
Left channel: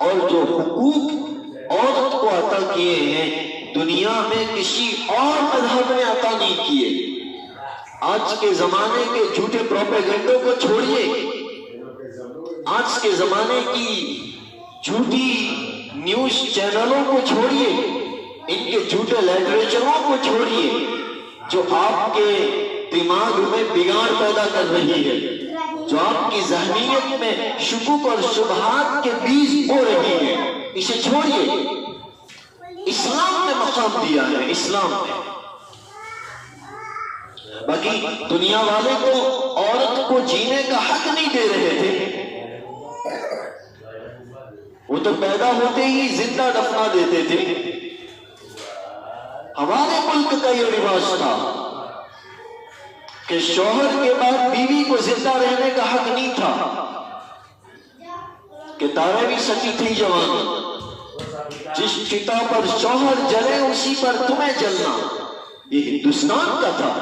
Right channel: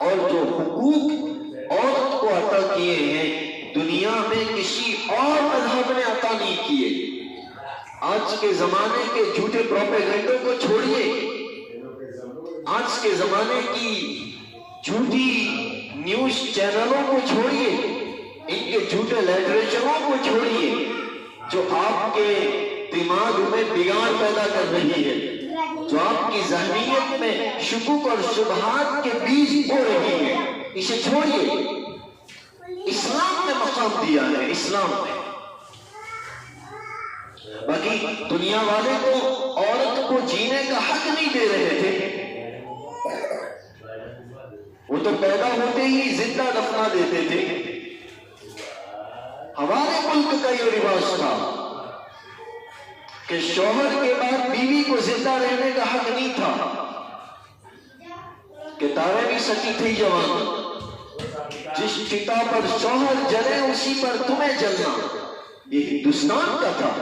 اور جو حقوق عورت کو عطا کیے ہیں دنیا میں کسی اور مذہب نے عطا نہیں کیے۔ آج کے زمانے کے جھوٹے پروپیگنڈوں کو چھوڑیے، آج کے زمانے کی جھوٹی نیوز چینلوں کو چھوڑیے، ان کے جھوٹے لٹریچروں کو چھوڑیے جو آپ کے دماغ میں بگاڑ پیدا کر رہی ہے، جو آپ کی ذہنیت میں شکوک اور شبہات کے بیج بو رہی ہے، اسے چھوڑیے۔ اسلام نے مقام دیا ہے، اسلام نے۔ باقی دنیا والے تو عورت کو جینے کا حق نہیں دے رہے تھے، وہ تو پیدا ہوتے ہی زندہ دفنا دیتے تھے۔ ہمارے ملک کا یہ رواج تھا کہ شوہر کے بعد بیوی کو زندہ رہنے کا حق نہیں تھا، کہ تارے بھی سچی تھی جوان، جس چتا پر شوہر جلے اسی پر تمہیں جلنا، یہ ہندوستان کا تھا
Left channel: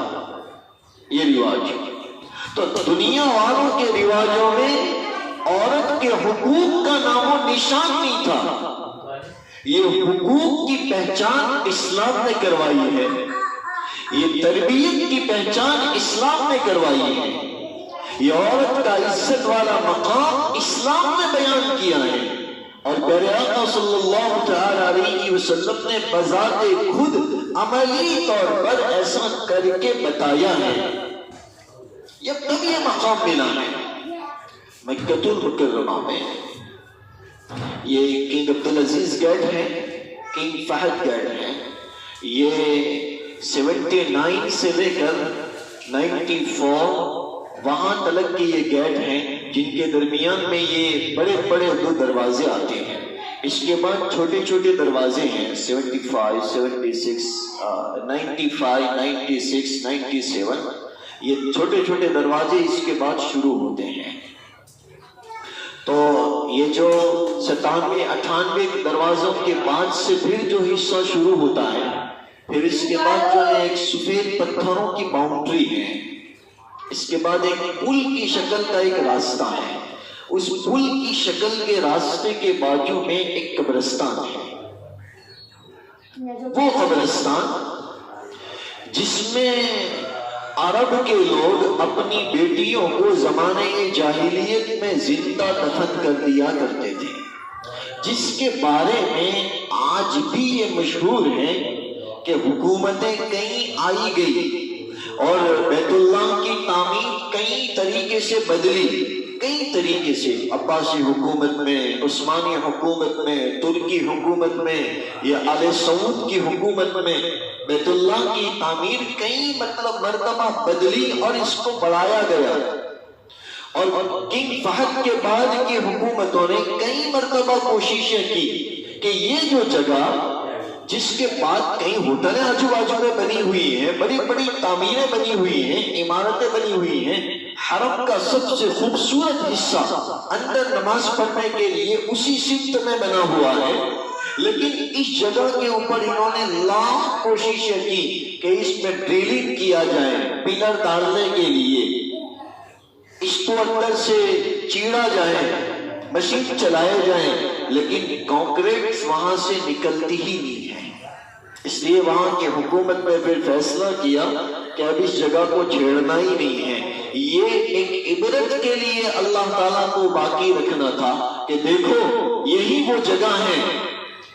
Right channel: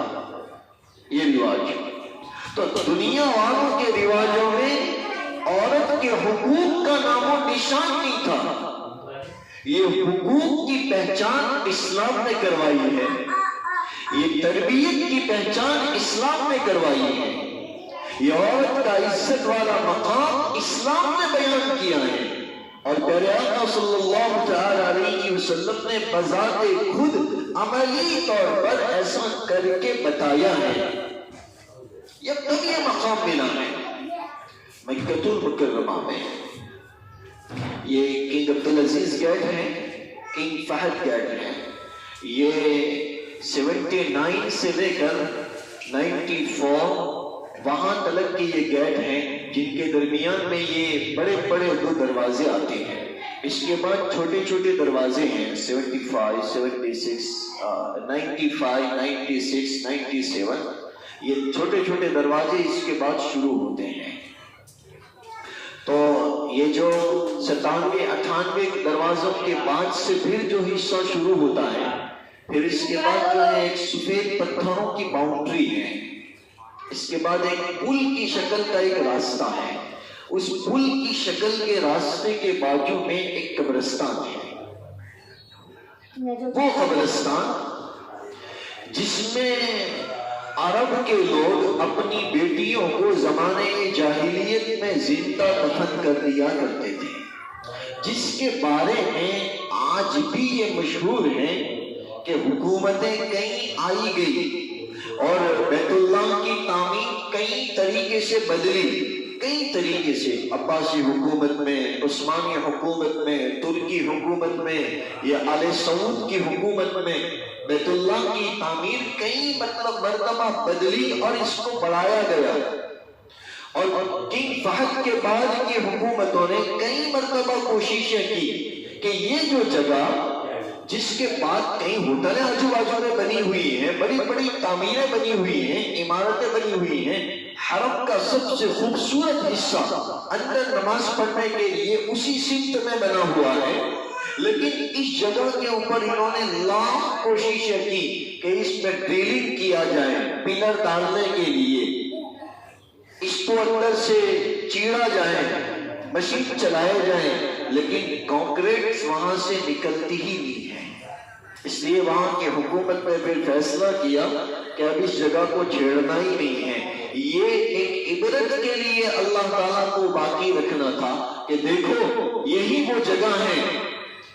یہ رواج۔ تو دنیا والوں کے رواجوں میں عورت کے حقوق کا نام و نشان نہیں تھا۔ یہ حقوق کی پہچان اسلام نے کروائی ہے، یہ تربیت کی پہچان اسلام نے کروائی ہے، یہ عورت کا عزت والا مقام اسلام نے بیان کیا ہے، اور پیارے آقا صلی اللہ تعالی علیہ وسلم نے بذات خود عملی طور پر ایسا کر کے بتایا ہے۔ یہ مقام ملا ہے۔ مکۃ المکرمہ میں. یہ کنگ عبدالعزیز گیٹ ہے، کنگ فہد گیٹ ہے. یہ 79 سے لے کر 94 وہاں تلک کے یہ گیٹ ہیں جن کے درمیان میں یہ بڑے بڑے دو دروازے آتے ہیں. اس کے بعد چھوٹے چھوٹے دروازے ہیں 75 76 95 96 97. یہ چھوٹے چھوٹے دروازے اس کے بعد شروع ہوتے ہیں. تو یہ جو 97 98 دروازوں کے بعد سے پھر جو حصہ شروع ہوتا ہے، پھر اس کے بعد جو ہے ایک سفید پتھروں کی باؤنڈری ہے. اس کے بعد ایک پل کی شکل کا ایک راستہ ہے. اس پل کی شکل کے راستے کے بازو میں ایک قبرستان ہے. وہ قبرستان جس میں عرب کے لوگ اپنی بیٹیوں کو زمانے جاہلیت میں زندہ دفن کر دیا کرتے تھے، جس کے بارے میں آج بھی یہ مشہور ہے کہ حکومتیں کئی آئی گئی اور بیت اللہ کی تعمیر کئی طریقے سے بدلی، کئی طریقے سے. عباسی حکومت میں، عثمانی حکومت میں، ترکی حکومت میں یا آل سعود کی حکومت میں بیت اللہ کی تعمیر کئی مرتبہ بدلی اور اس کو بڑھایا گیا. اور کنگ فہد کے بعد کی حکومتوں نے کئی مرتبہ کوششیں کی کہ یہ جو جگہ جس کے بعد کئی ہوٹلیں آجو باجو میں بنی ہوئی ہیں، بڑی بڑی تعمیریں بنی ہوئی ہیں، عمارتیں بنی ہوئی ہیں، حرم کا سب سے خوبصورت حصہ اندر نماز پڑھنے کے لیے اسی سمت میں بنا ہوا ہے. لیکن اس جگہ کے اوپر انہوں نے لاکھ کوششیں کی کہ اس میں ڈرلنگ کیا جائے پلر ڈالنے کے لیے، اس کو اندر سے چیڑا جائے، مشین چلائے جائیں، لیکن کانکریٹ وہاں سے نکلتی ہی نہیں ہے. اس لیے وہاں کی حکومت نے پھر فیصلہ کیا کہ اب اس جگہ کو چھیڑنا ہی نہیں ہے. یہ ایک عبرت کے لیے اللہ تعالیٰ کو باقی رکھنا تھا کہ دیکھو یہی وہ جگہ ہے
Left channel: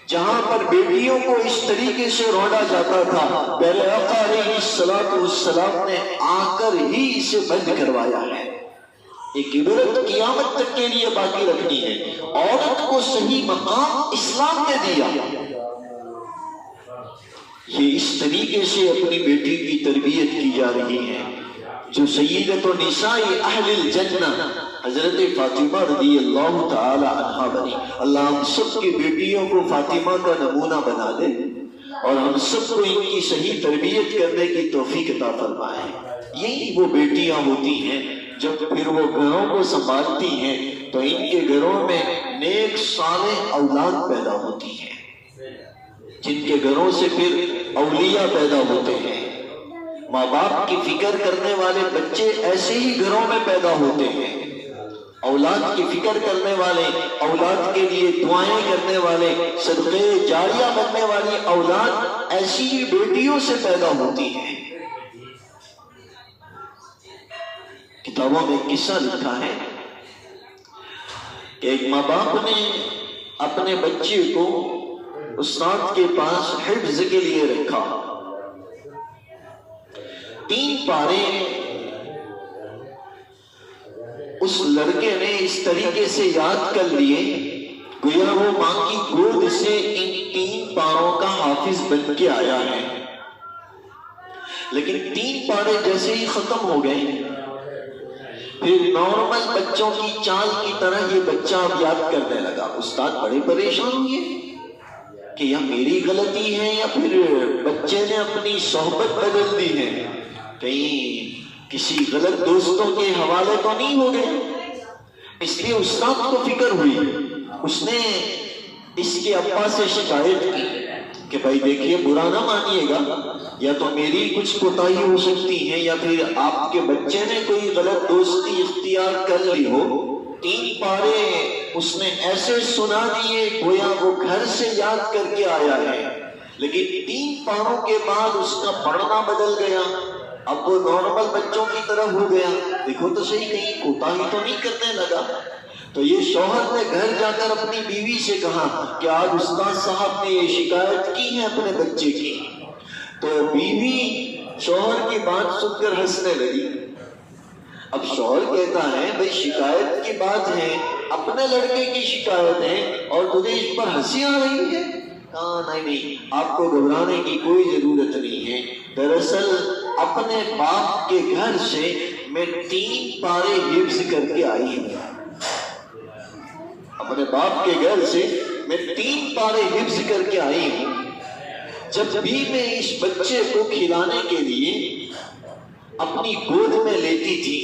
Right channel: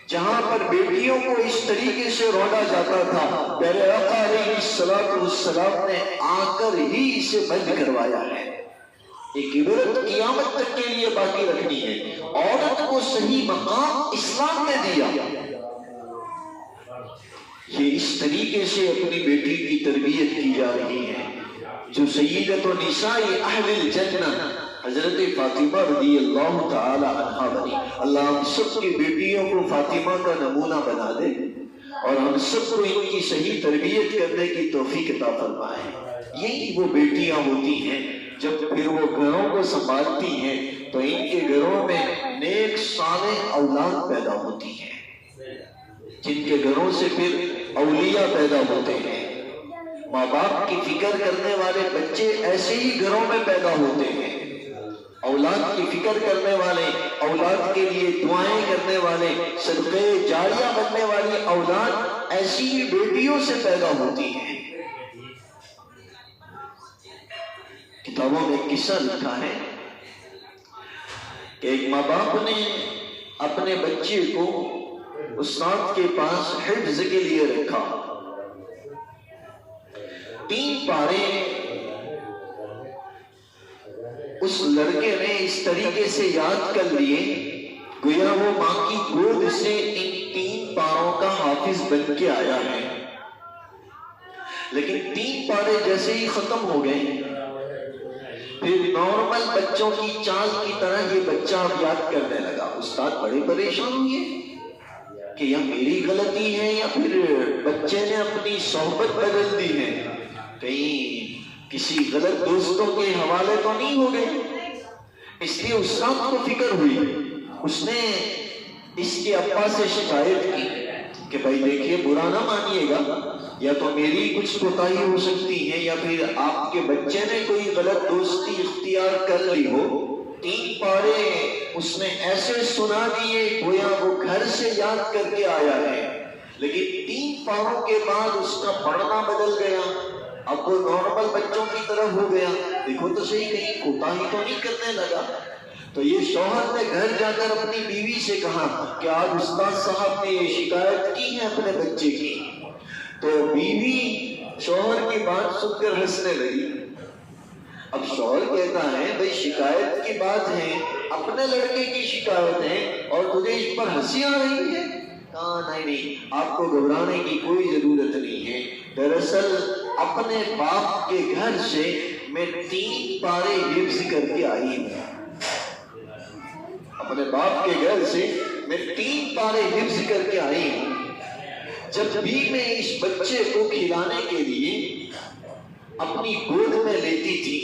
جہاں پر بیٹیوں کو اس طریقے سے روڑا جاتا تھا. پیارے آقا علیہ الصلوۃ والسلام نے آ کر ہی اسے بند کروایا ہے. ایک عبرت قیامت تک کے لیے باقی رکھنی ہے. عورت کو صحیح مقام اسلام نے دیا. یہ اس طریقے سے اپنی بیٹی کی تربیت کی جا رہی ہے جو سیدۃ نساء اہل الجنہ حضرت فاطمہ رضی اللہ تعالی عنہا بنی. اللہ ہم سب کی بیٹیوں کو فاطمہ کا نمونہ بنا دے اور ہم سب کو ان کی صحیح تربیت کرنے کی توفیق عطا فرمائے. یہی وہ بیٹیاں ہوتی ہیں جب پھر وہ گھروں کو سنبھالتی ہیں تو ان کے گھروں میں نیک صالح اولاد پیدا ہوتی ہیں، جن کے گھروں سے پھر اولیاء پیدا ہوتے ہیں. ماں باپ کی فکر کرنے والے بچے ایسے ہی گھروں میں پیدا ہوتے ہیں. اولاد کی فکر کرنے والے، اولاد کے لیے دعائیں کرنے والے، صدقے جاریہ بننے والی اولاد ایسی ہی بیٹیوں سے پیدا ہوتی ہے. کتابوں میں قصہ لکھا ہے کہ ایک ماں باپ نے اپنے بچے کو استاد کے پاس حفظ کے لیے رکھا. 3 پارے اس لڑکے نے اس طریقے سے یاد کر لیے گویا وہ ماں کی گود سے ان 3 پاروں کا حافظ بن کے آیا ہے. لیکن 3 پارے جیسے ہی ختم ہو گئے پھر نارمل بچوں کی چال کی طرح یہ بچہ اب یاد کرنے لگا. استاد بڑے پریشان ہوئے کہ یا میری غلطی ہے یا پھر بچے نے اپنی صحبت بدل دی ہے، کہیں کسی غلط دوستوں کے حوالے تو نہیں ہو گئے. اس لیے استاد کو فکر ہوئی. اس نے اس کے ابا سے شکایت کی کہ بھائی دیکھیے برا نہ مانیے گا، یا تو میری کچھ کوتاہی ہو سکتی ہے یا پھر آپ کے بچے نے کوئی غلط دوستی اختیار کر لی ہو. 3 پارے اس نے ایسے سنا دیے گویا وہ گھر سے یاد کر کے آیا ہے، لیکن 3 پاروں کے بعد اس کا پڑھنا بدل گیا. اب وہ نارمل بچوں کی طرح ہو گیا. دیکھو تو صحیح کہیں کوتاہی تو نہیں کرنے لگا. تو یہ شوہر نے گھر جا کر اپنی بیوی سے کہا کہ آج استاد صاحب نے یہ شکایت کی ہے اپنے بچے کی. تو بیوی شوہر کی بات سن کر ہنسنے لگی. اب شوہر کہتا ہے بھئی شکایت کی بات ہے، اپنے لڑکے کی شکایت ہے اور تجھے اس پر ہنسی آ رہی ہے؟ نہیں، آپ کو گھبرانے کی کوئی ضرورت نہیں ہے۔ دراصل اپنے باپ کے گھر سے میں 3 پارے حفظ کر کے آئی ہوں۔ اپنے باپ کے گھر سے میں 3 پارے حفظ کر کے آئی ہوں۔ جب بھی میں اس بچے کو کھلانے کے لیے اپنی گود میں لیتی تھی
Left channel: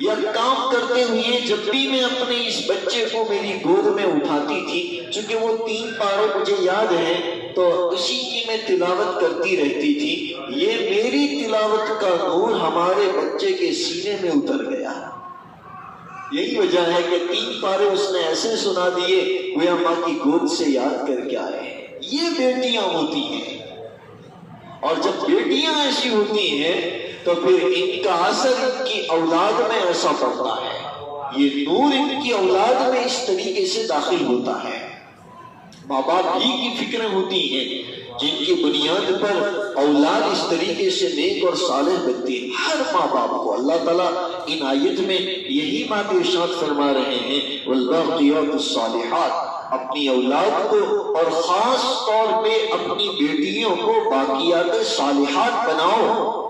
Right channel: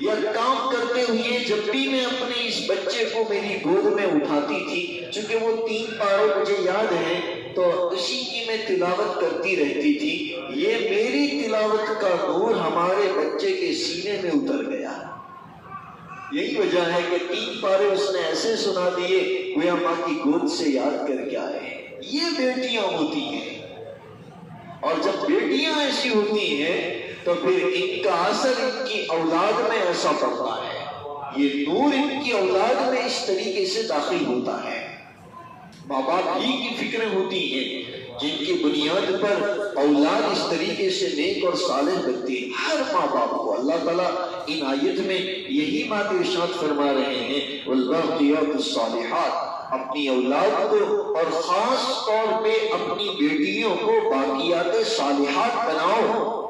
یا کام کرتے ہوئے جب بھی میں اپنے اس بچے کو میری گود میں اٹھاتی تھی، چونکہ وہ 3 پارے مجھے یاد ہیں تو اسی کی میں تلاوت کرتی رہتی تھی۔ یہ میری تلاوت کا نور ہمارے بچے کے سینے میں اتر گیا۔ یہی وجہ ہے کہ 3 پارے اس نے ایسے سنا دیے وہ ماں کی گود سے یاد کر کے آئے۔ یہ بیٹیاں ہوتی ہیں، اور جب بیٹیاں ایسی ہوتی ہیں تو پھر ان کا اثر ان کی اولاد میں ایسا پڑتا ہے، یہ نور ان کی اولاد میں اس طریقے سے داخل ہوتا ہے۔ ماں باپ ہی کی فکر ہوتی ہیں جن کی بنیاد پر اولاد اس طریقے سے نیک اور صالح بنتی ہے۔ ہر ماں باپ کو اللہ تعالیٰ ان آیت میں یہی بات ارشاد فرما رہے ہیں، والباقیات الصالحات، اپنی اولاد کو اور خاص طور پہ اپنی بیٹیوں کو باقیات صالحات بناؤ،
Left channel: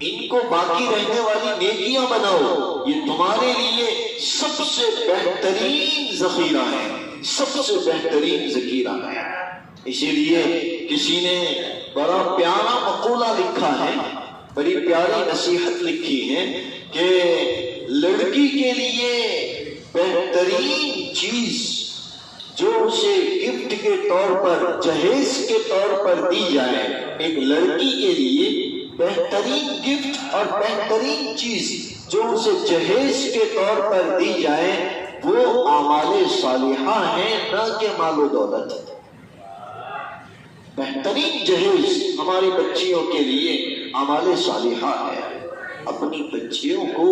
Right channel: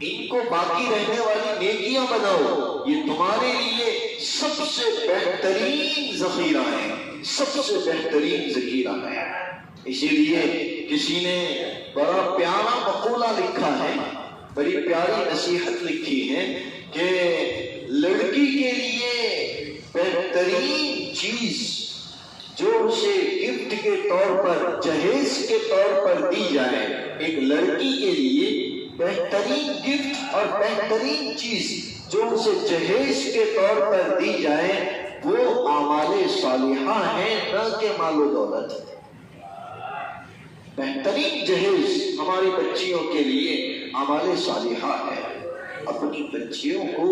ان کو باقی رہنے والی نیکیاں بناؤ۔ یہ تمہارے لیے سب سے بہترین ذخیرہ ہے، سب سے بہترین ذخیرہ ہے۔ اسی لیے کسی نے بڑا پیارا مقولہ لکھا ہے، بڑی پیاری نصیحت لکھی ہے کہ لڑکی کے لیے بہترین چیز جو اسے گفٹ کے طور پر، جہیز کے طور پر دی جائے، ایک لڑکی کے لیے بہترین گفٹ اور بہترین چیز جو اسے جہیز کے طور پر دی جائے وہ اعمال صالحہ ہیں، نہ کہ مال و دولت۔ بہترین جہیز ہماری بچیوں کے لیے اعمال صالحہ ہے۔ اپنی بچیوں کو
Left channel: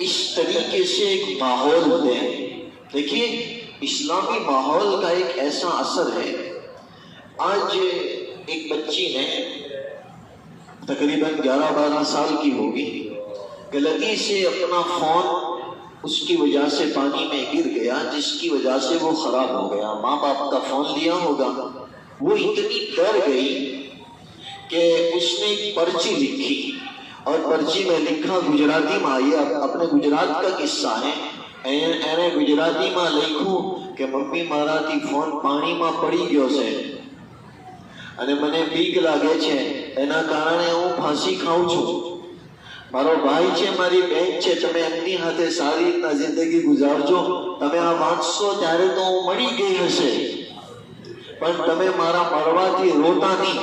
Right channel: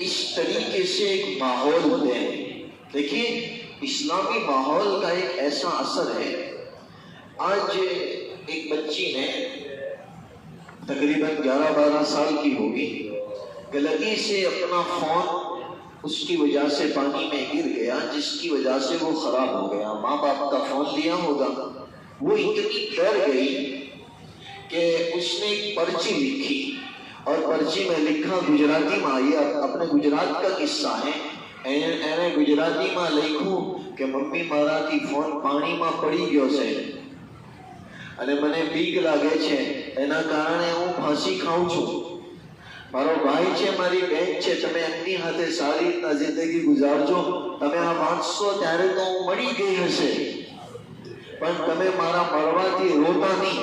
اس طریقے سے ایک ماحول دیں۔ دیکھیے اسلامی ماحول کا ایک ایسا اثر ہے، آج ایک بچی نے تقریباً 11-12 سال کی ہوگی، غلطی سے اپنا فون اس کی وجہ سے پانی میں گر گیا، جس کی وجہ سے وہ خراب ہو گیا۔ ماں باپ کا فون لیا ہوگا، وہ اتنی ڈر گئی کہ اس نے ایک پرچی لکھی اور پرچی میں لکھا گجراتی میں، یہ اپنے گجرات کا قصہ ہے۔ اینے گجراتی میں لکھوں کہ ممی મારાથી ફોન પાણીમાં પડી ગયો છે અને મને બીક લાગે છે, એના કારણે હું ફાંસી ખાઉં છું। મારો ભાઈ છે, મારી બહેન છે, તમે એમની હાથે સારી રીતના જિંદગી ગુજારજો। તમે આ વાંચશો ત્યારે તો હું મળી ગઈ હશે, પણ તમે મારા મરવાથી રોતા નહીં।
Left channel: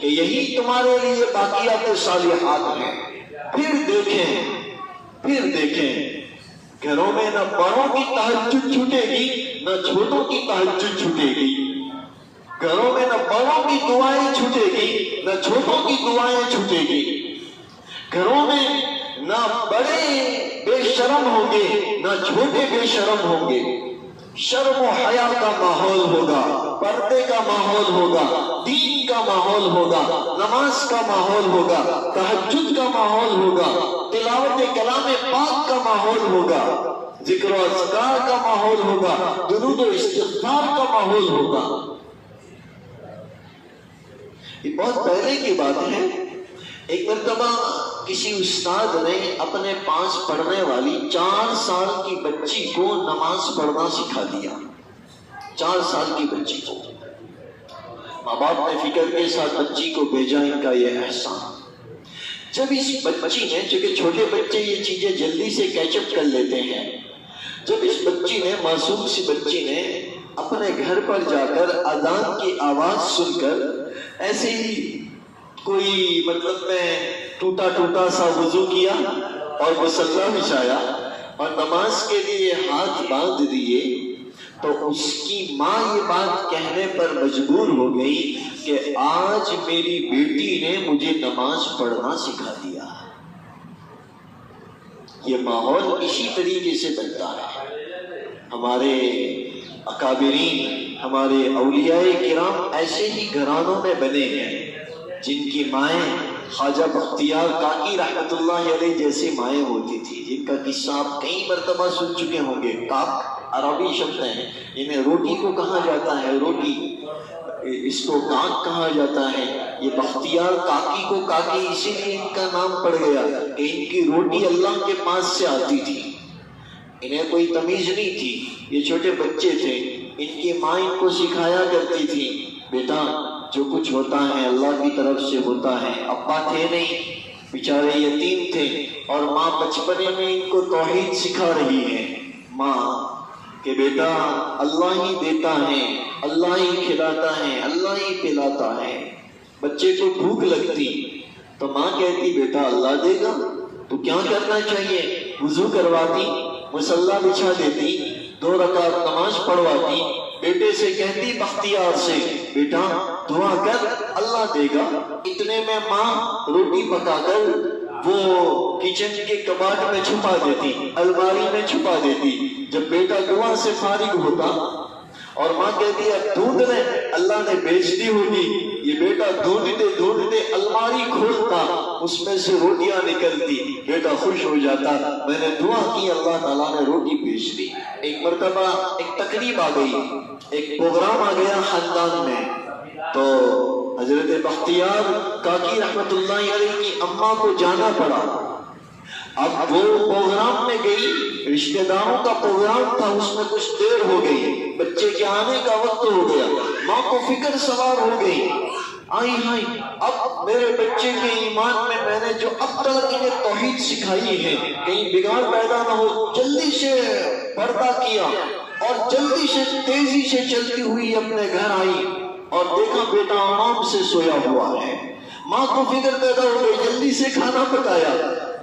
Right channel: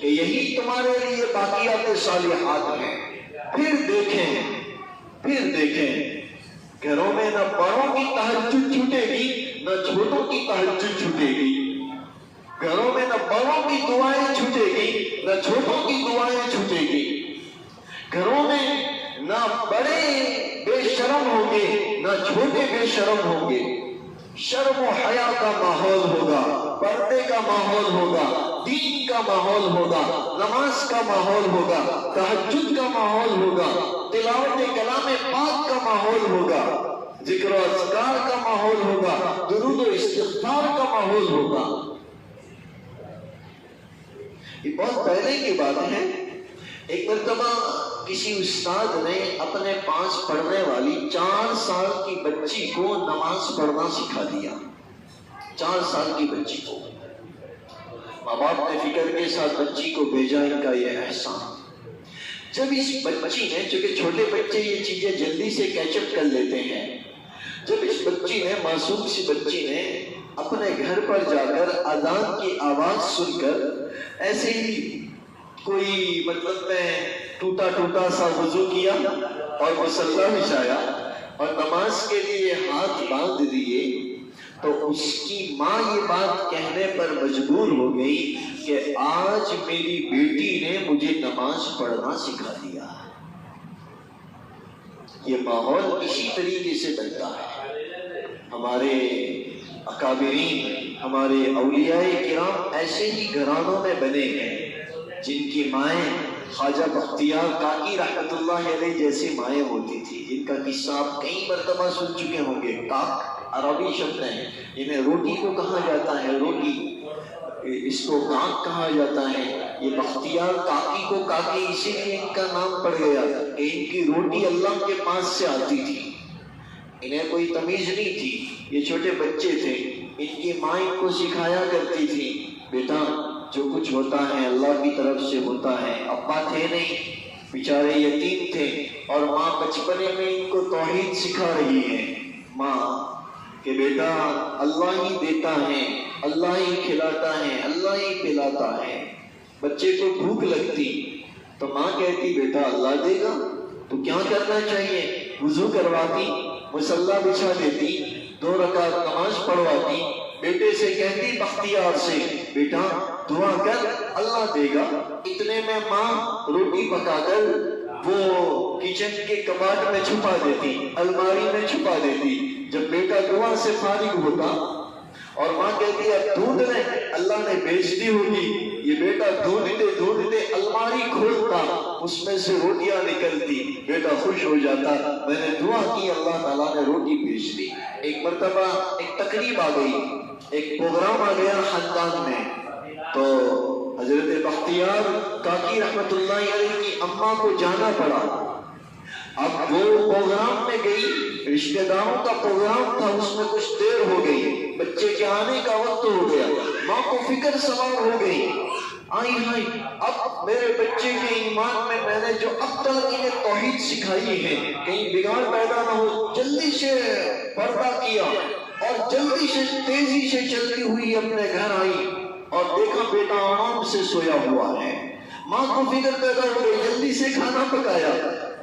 کہ یہی تمہارے لیے باقیات صالحات ہیں۔ پھر دیکھیں گھروں میں نہ بڑوں کی تہجد چھوٹے گی نہ چھوٹوں کی تہجد چھوٹے گی، گھروں میں نہ بڑوں کی دعائیں چھوٹے گی نہ چھوٹوں کی دعائیں چھوٹے گی، گھروں میں نہ بڑے بے شرم ہوں گے نہ چھوٹے بے شرم ہوں گے، شرم و حیا کا ماحول ہوگا، پردے کا ماحول ہوگا، دین کا ماحول ہوگا، نماز کا ماحول ہوگا، تہجد کا ماحول ہوگا، تلاوت کلام پاک کا ماحول ہوگا، ذکر و اذکار کا ماحول ہوگا، درود و استغفار کا ماحول ہوگا۔ یہ بہت پہلے کی بات ہے۔ ایک مرتبہ کسی استاد نے اپنے پاس پڑھنے والی 4 سال کی بچی کو نماز پڑھنا سکھا دیا۔ 4 سال کی بچی کو ماں باپ نے فکر کے ساتھ بچی کو بھیجا، ان کا یہ احسان۔ جب اس بچی نے، چونکہ چھوٹے بچے یہ چیزیں جلدی سے کیچ اپ کر لیتے ہیں، جب اس بچی نے، معصوم سی بچی نے اپنے گھر پر جا کر اذان کی آواز سن کر ایسے ہی کوئی مطلب میں ٹوٹا سا وضو کیا اور مصلی بچھایا اور نماز کے لیے ہاتھ باندھ دیے، تو اس کی ماں یہ بات کہنے پر مجبور ہو گئی کہ آج میری بیٹی نے مجھے نماز پڑھنا سکھا دیا۔ یہ ماحول اسی طریقے سے بنتا ہے۔ ہمارے اکابرین، ہمارے اولیاء کرام ایسے ہی گھرانوں میں بنے ہیں جن کی مائیں خواجہ بختیار کاکی رحمت اللہ علیہ جیسی مائیں ہوتی تھی، جن کا قصہ آپ کئی مرتبہ سن چکے ہوں گے۔ کاک عربی شبد ہے، انہیں روٹی کو کہا جاتا ہے، روٹی، اس کو کاک کہا جاتا ہے۔ یہ بختیار کاکی کو کاکی اسی لیے ان کا نام پڑ گیا کہ ان کی روٹی اللہ کے پاس سے آتی تھی، انہیں کوئی تمیز نہیں تھی، یہ چھوٹے بچے تھے، ان کی ماں ان کو سکھایا کرتی تھی، بیٹا جو کچھ ہوتا ہے اللہ کی طرف سے ہوتا ہے۔ ابا تھے نہیں، بیچارے یتیم تھے، اور ماں بچپنے میں ان کو توحید سکھا رہی ہے، ماں کہ بیٹا اللہ ہی دیتا ہے، اللہ ہی کھلاتا ہے، اللہ ہی پلاتا ہے۔ بچے کو بھوک لگتی تو ماں کہتی بیٹا اللہ دے گا، تو کیا کرنا چاہیے؟ وضو کرواتی، مصلی بچھا دیتی، 2 رکعت نماز پڑھواتی، بیٹے سے کہتی بختیار سے بیٹا دعا کر اللہ دے گا۔ اتنے میں ماں روٹی پکا کر وہ کچن کے کباڑ میں چھپا دیتی، الماری میں چھپا دیتی۔ جب بیٹا دعا سے فارغ ہوتا اور ماں کہتی اب ڈھونڈ رہے، اللہ نے بیچ دی ہوگی، یہ بیٹا ڈھونڈتے الماری کھولتا، اس میں سے روٹیاں نکلتی، بیٹا خوش ہو جاتا، میں نے دعا کی اللہ تعالیٰ نے روٹی بیچ دی۔ ایک مرتبہ ایک تقریب آ گئی، ایک پروگرام آ گیا خاندان میں، تو حضرت بختیار کاکی رحمت اللہ علیہ کی اماں کو جانا پڑا۔ اب وہ پروگرام میں گئی، رشتہ داروں کا پروگرام تھا، اس میں کچھ دیر ہو گئی، بچے کے آنے کا وقت ہو گیا، ماں کو فکر سوار ہو گئی، آئی اب میرے بچے کے ایمان میں نے جو اب تک انہیں توحید سکھائی ہے کہیں بگاڑ پیدا نہ ہو۔ جلدی سے پردہ کیا اور جلدی سے تیزی سے چلتی ہوئی اپنے گھر آئی اور دیکھا بیٹا آرام سے سویا ہوا ہے۔ ماں کو فکر پیدا ہو گئی، جلدی سے کھانا پکایا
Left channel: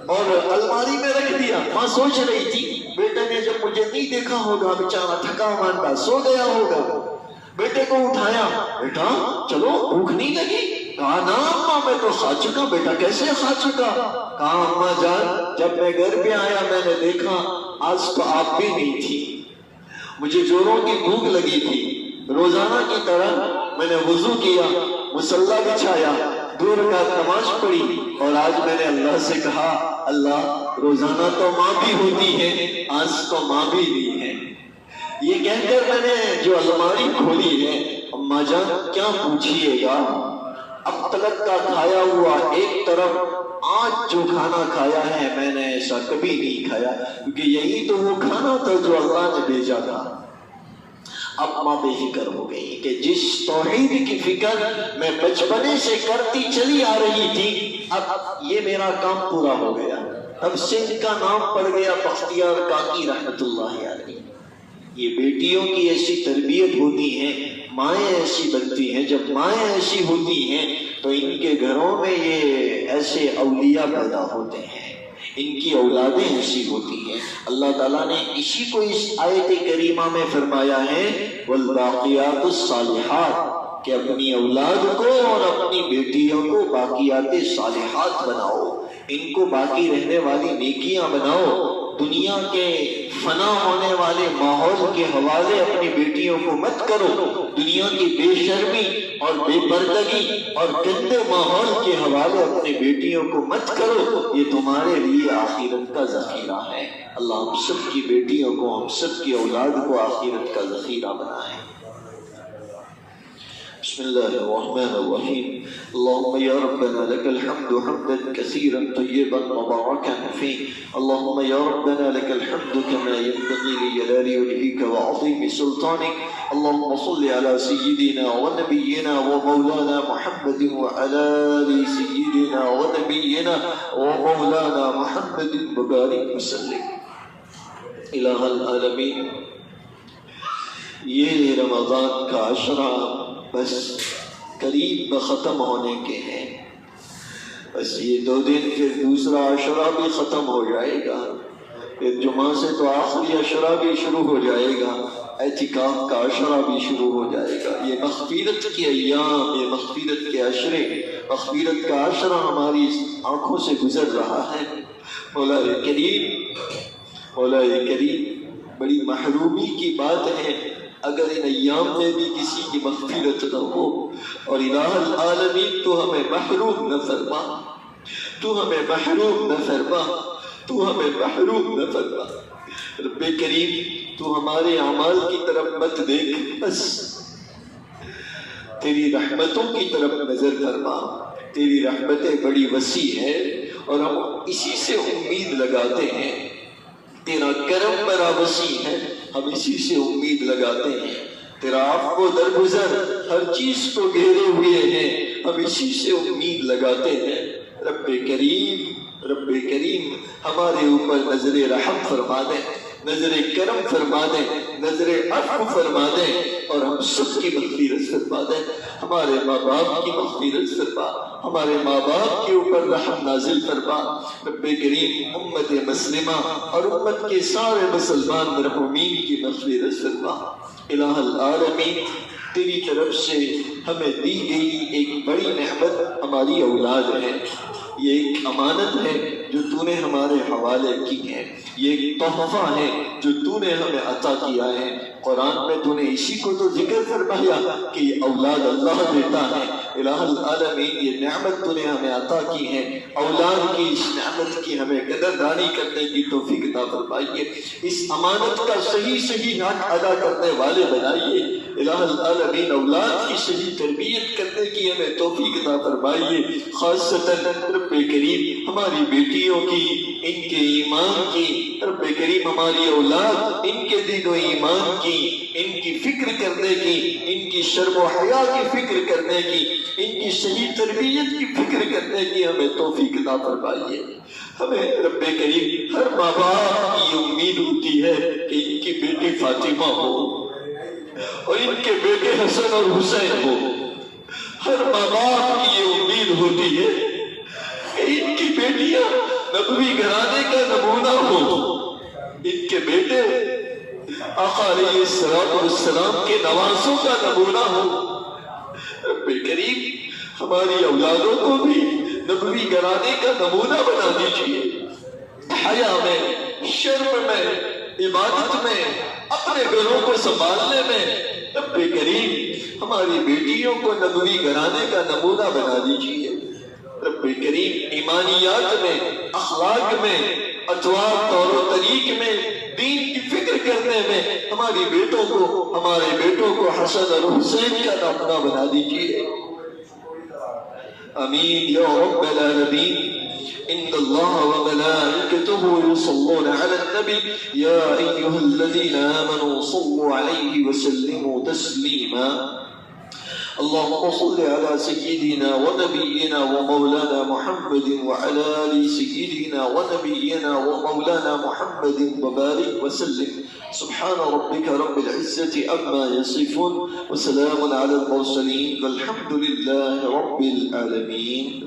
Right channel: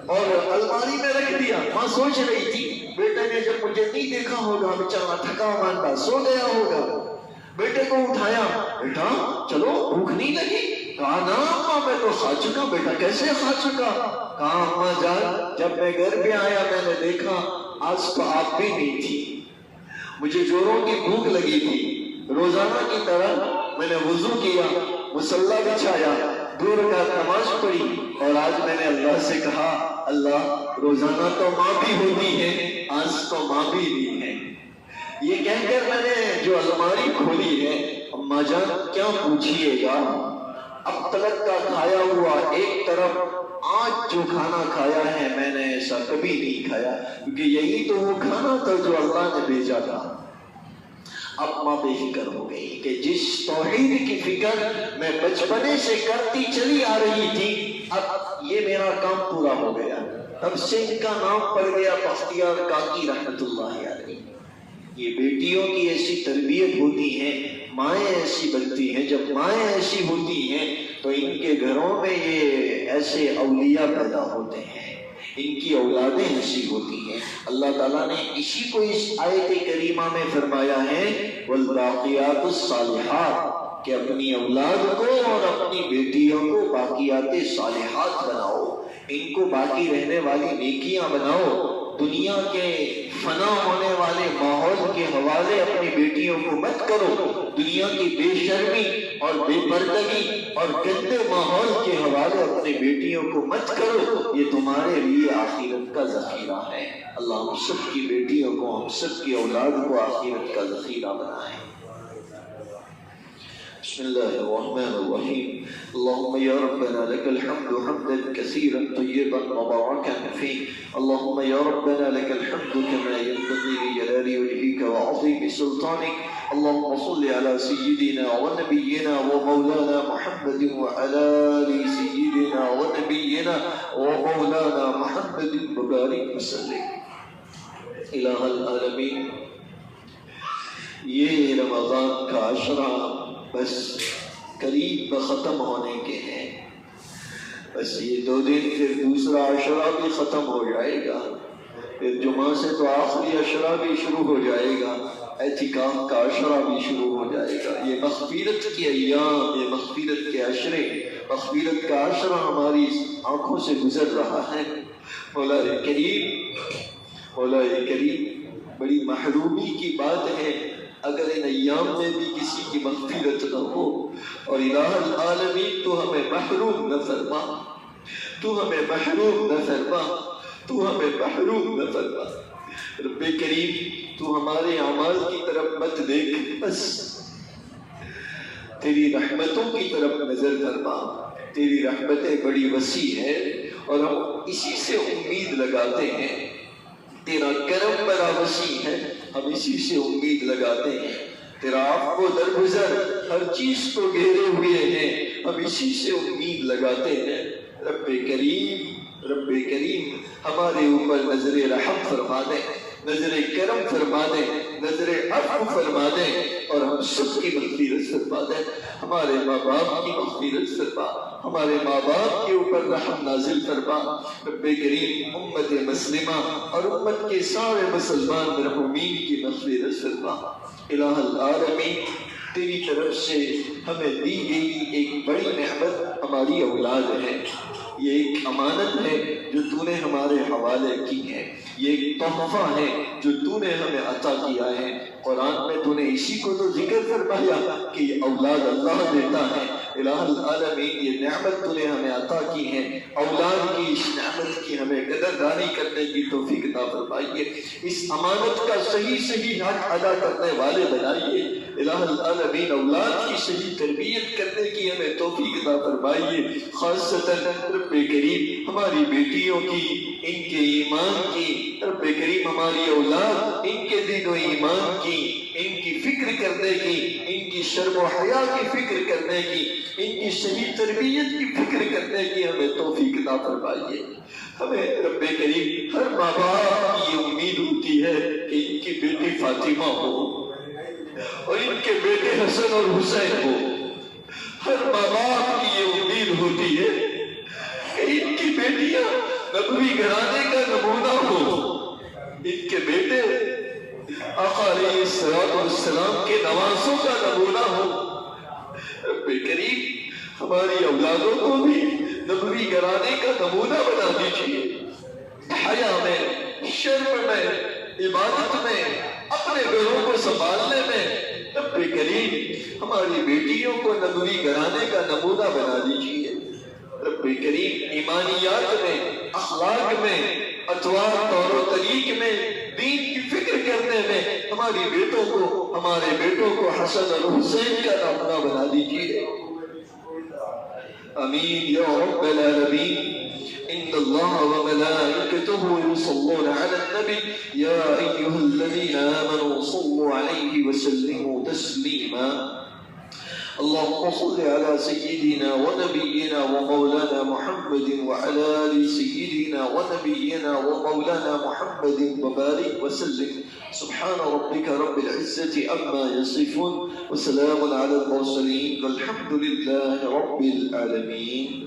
اور الماری میں رکھ دیا۔ ماں سوچ رہی تھی بیٹے نے جب مجھے نہیں دیکھا ہوگا بیچارہ تھکا ماندا سو گیا ہوگا۔ بیٹے کو اٹھایا، بیٹا چلو بھوک نہیں لگی؟ کہا نا اماں میں تو کھا چکا۔ بیٹا کیسے کھا چکا؟ کہا اماں جان جب میں گھر پہ آیا میں نے دیکھا آج تو آپ بھی نہیں تھی، مجھے جوڑوں کی بھوک لگی تھی، روزانہ کی طرح میں نے وضو کیا، مصلی بچھایا، 2 رکعت نماز پڑھی، اور آج میں نے اللہ سے کہا اللہ روزانہ تو ماں بھی ہوتی ہے، آج تو ماں بھی نہیں ہے۔ یہ کہہ کر میں نے جو الماری کھولی ہے، اماں جان کیا پوچھئے گا، اب تلک کا کھایا ہوا ایک طرف، آج جو کھانا کھایا ہے میں نے ایسا کبھی نہیں کھایا، کیونکہ یہی تو وہ کھانا تھا جو اللہ نے بھیجا تھا۔ اب ماں بے فکر ہو گئی کہ جس توحید کی فکر میں بچپنے سے کرتی چلی آ رہی تھی، اب یہ میرا کام پورا ہو گیا۔ اب سے ان کا نام پڑ گیا بختیار کاکی رحمت اللہ علیہ۔ یہ بیٹیوں کی ایسی تربیت ہوتی ہے، مائیں ایسی بنتی ہیں، جب مائیں ایسی ہوتی ہیں تو ان کے گھروں میں یہ ایسے اولیاء پیدا ہوتے ہیں، ان کی اولادیں ایسی ہوتی ہیں۔ اللہ تعالیٰ نے اسی کو اس آیت کریمہ میں فرمایا ہے والباقیات الصالحات، کہ اپنی اولاد کو اور اپنی بیٹیوں کو باقیات صالحات بناؤ، ان کو باقی رہنے والی نیکیاں بناؤ۔ دنیا کے فنا ہونے والے ماحول کے حوالے اپنی بیٹیوں کو مت کرو، دنیا کی بے شرمی اور بے پردگی اور گندے ماحول کے حوالے اپنی بیٹیوں کو مت کرو، یہ تمہارے لیے آخرت کا ذخیرہ ہے۔ اللہ ہم سب کی بیٹیوں کو، ہم سب کی اولاد کو آخرت کا ذخیرہ بنائے۔ بسم الله الرحمن الرحيم اللهم يا ربنا لك الحمد حمدا كثيرا طيبا مباركا فيه اللهم يا ربنا لك الحمد كما ينبغي لجلال وجهك وعظيم سلطانك اللهم صل على سيدنا ونبينا ومولانا محمد وعلى آل سيدنا ونبينا ومولانا محمد وبارك وسلم۔ الہ العالمین، یہ رمضان کا عشرہ بس قریب ختم ہونے کے ہیں، بس یہ 2 دن پھر دوسرا عشرہ بھی ختم ہو جائے گا، پھر جمعہ سے تو آخری عشرہ بھی شروع ہو جائے گا، اعتکاف کا عشرہ بھی شروع ہو جائے گا۔ یہ مغفرت کے ایام، یہ مغفرت کے عشرے، مغفرت کا عشرہ ہماری آنکھوں سے گزر رہا ہے۔ مولا کریم، بڑی محرومی کی بات ہے اگر ان ایام میں بھی کسی کی مغفرت نہ ہو، اور الہ العالمین تو ہمیں محروم نہ فرما، تو ہمیں محروم نہ فرما، تو ہمیں محروم نہ فرما۔ رب کریم، تو ہمارے اعمال کی طرف مت دیکھ، بس تیری رحمتوں کی طرف نظر فرما۔ تیری رحمتیں بڑی وسیع ہیں اور ہم اسی سے امید لگاتے ہیں، تیرا کرم بڑا وسیع ہے، ہم اسی سے امید لگاتے ہیں، تیرا عفو درگزر ہر چیز کو گھیرے ہوئے ہیں، ہم اسی سے امید لگاتے ہیں۔ رب کریم ہمارے اوپر نظر رحم فرما دے، نظر کرم فرما دے، نظر عفو فرما دے، اور ہم سب کی مغفرت فرما دے۔ ہمارے ماں باپ کی مغفرت فرما، ہمارے ماں باپ کے اوپر رحم نازل فرما۔ رب کریم امت مسلمہ اور امت کے سارے مسلمان مرحومین کی مغفرت فرما۔ الہ العالمین، تیری طرف سے ہمیں دی گئی ایک بڑی نعمت ہماری اولاد ہے، یہ ایک امانت ہے جو تو نے ہمارے حوالے کی ہے، یہ ایک تحفہ ہے جو تو نے ہمیں عطا کیا ہے۔ قرآن میں تو نے اسی کو تو ذکر فرمایا کہ یہ اولاد اللہ دیتا ہے۔ الہ العالمین، یہ نعمت تو نے ہمیں عطا کی ہے، اولاد کی اس نعمت کی ہمیں قدردانی کرنے کی توفیق عطا فرمائیے، اس امانت کا صحیح حق ادا کرنے والے بنائیے۔ الہ العالمین، اولاد کی صحیح تربیت کرنے کی ہمیں توفیق عطا فرمائیے، خاصتاً رب کریم ہماری بیٹیوں کی، ان کے ایمان کی، رب کریم ہماری اولاد ان کے دین و ایمان کی، ان کی فکر کرنے کی، ان کی شرم و حیا کی فکر کرنے کی، ان کی صحیح تربیت کی فکر کرنے کی ہمیں توفیق عطا فرمائیے۔ ہمیں رب کریم، ہر ماں باپ کی امید ہوتی ہے کہ ان کی بیٹی فاطمہ ہو اور ان کے بیٹے حسن اور حسین ہو، ہر ماں باپ کی یہ امید ہوتی ہے کہ ان کی بیٹیاں نبوی گھرانے کا نمونہ ہو، ان کے بیٹے آقا علیہ السلام کے نوازوں کا نمونہ ہو۔ رب کریم ہماری اولادوں کو بھی نبوی گھرانے کا نمونہ بنا دیجیے، حیا میں، شرم میں، عبادت میں، اپنے گھروں کو سنبھالنے میں۔ رب کریم ہماری بیٹیوں کو نبوی گھرانے کا نمونہ بنا دیجیے۔ رب کریم ایمانیات میں، اخلاق میں، اطوار طور و طریق میں، دین کی فکر کرنے میں ہمارے بیٹوں کو حسن اور حسین کا نمونہ بنا دیجیے۔ آمین یا رب العالمین۔ ان اللہ وملائکتہ یصلون علی النبی یا ایھا الذین آمنوا صلوا علیہ وسلموا تسلیما۔ اللهم صل على سيدنا ونبينا ومولانا محمد وعلى آل سيدنا ونبينا ومولانا محمد وبارك وسلم. سبحان ربك رب العزة عما يصفون وسلام على المرسلين والحمد لله رب العالمين.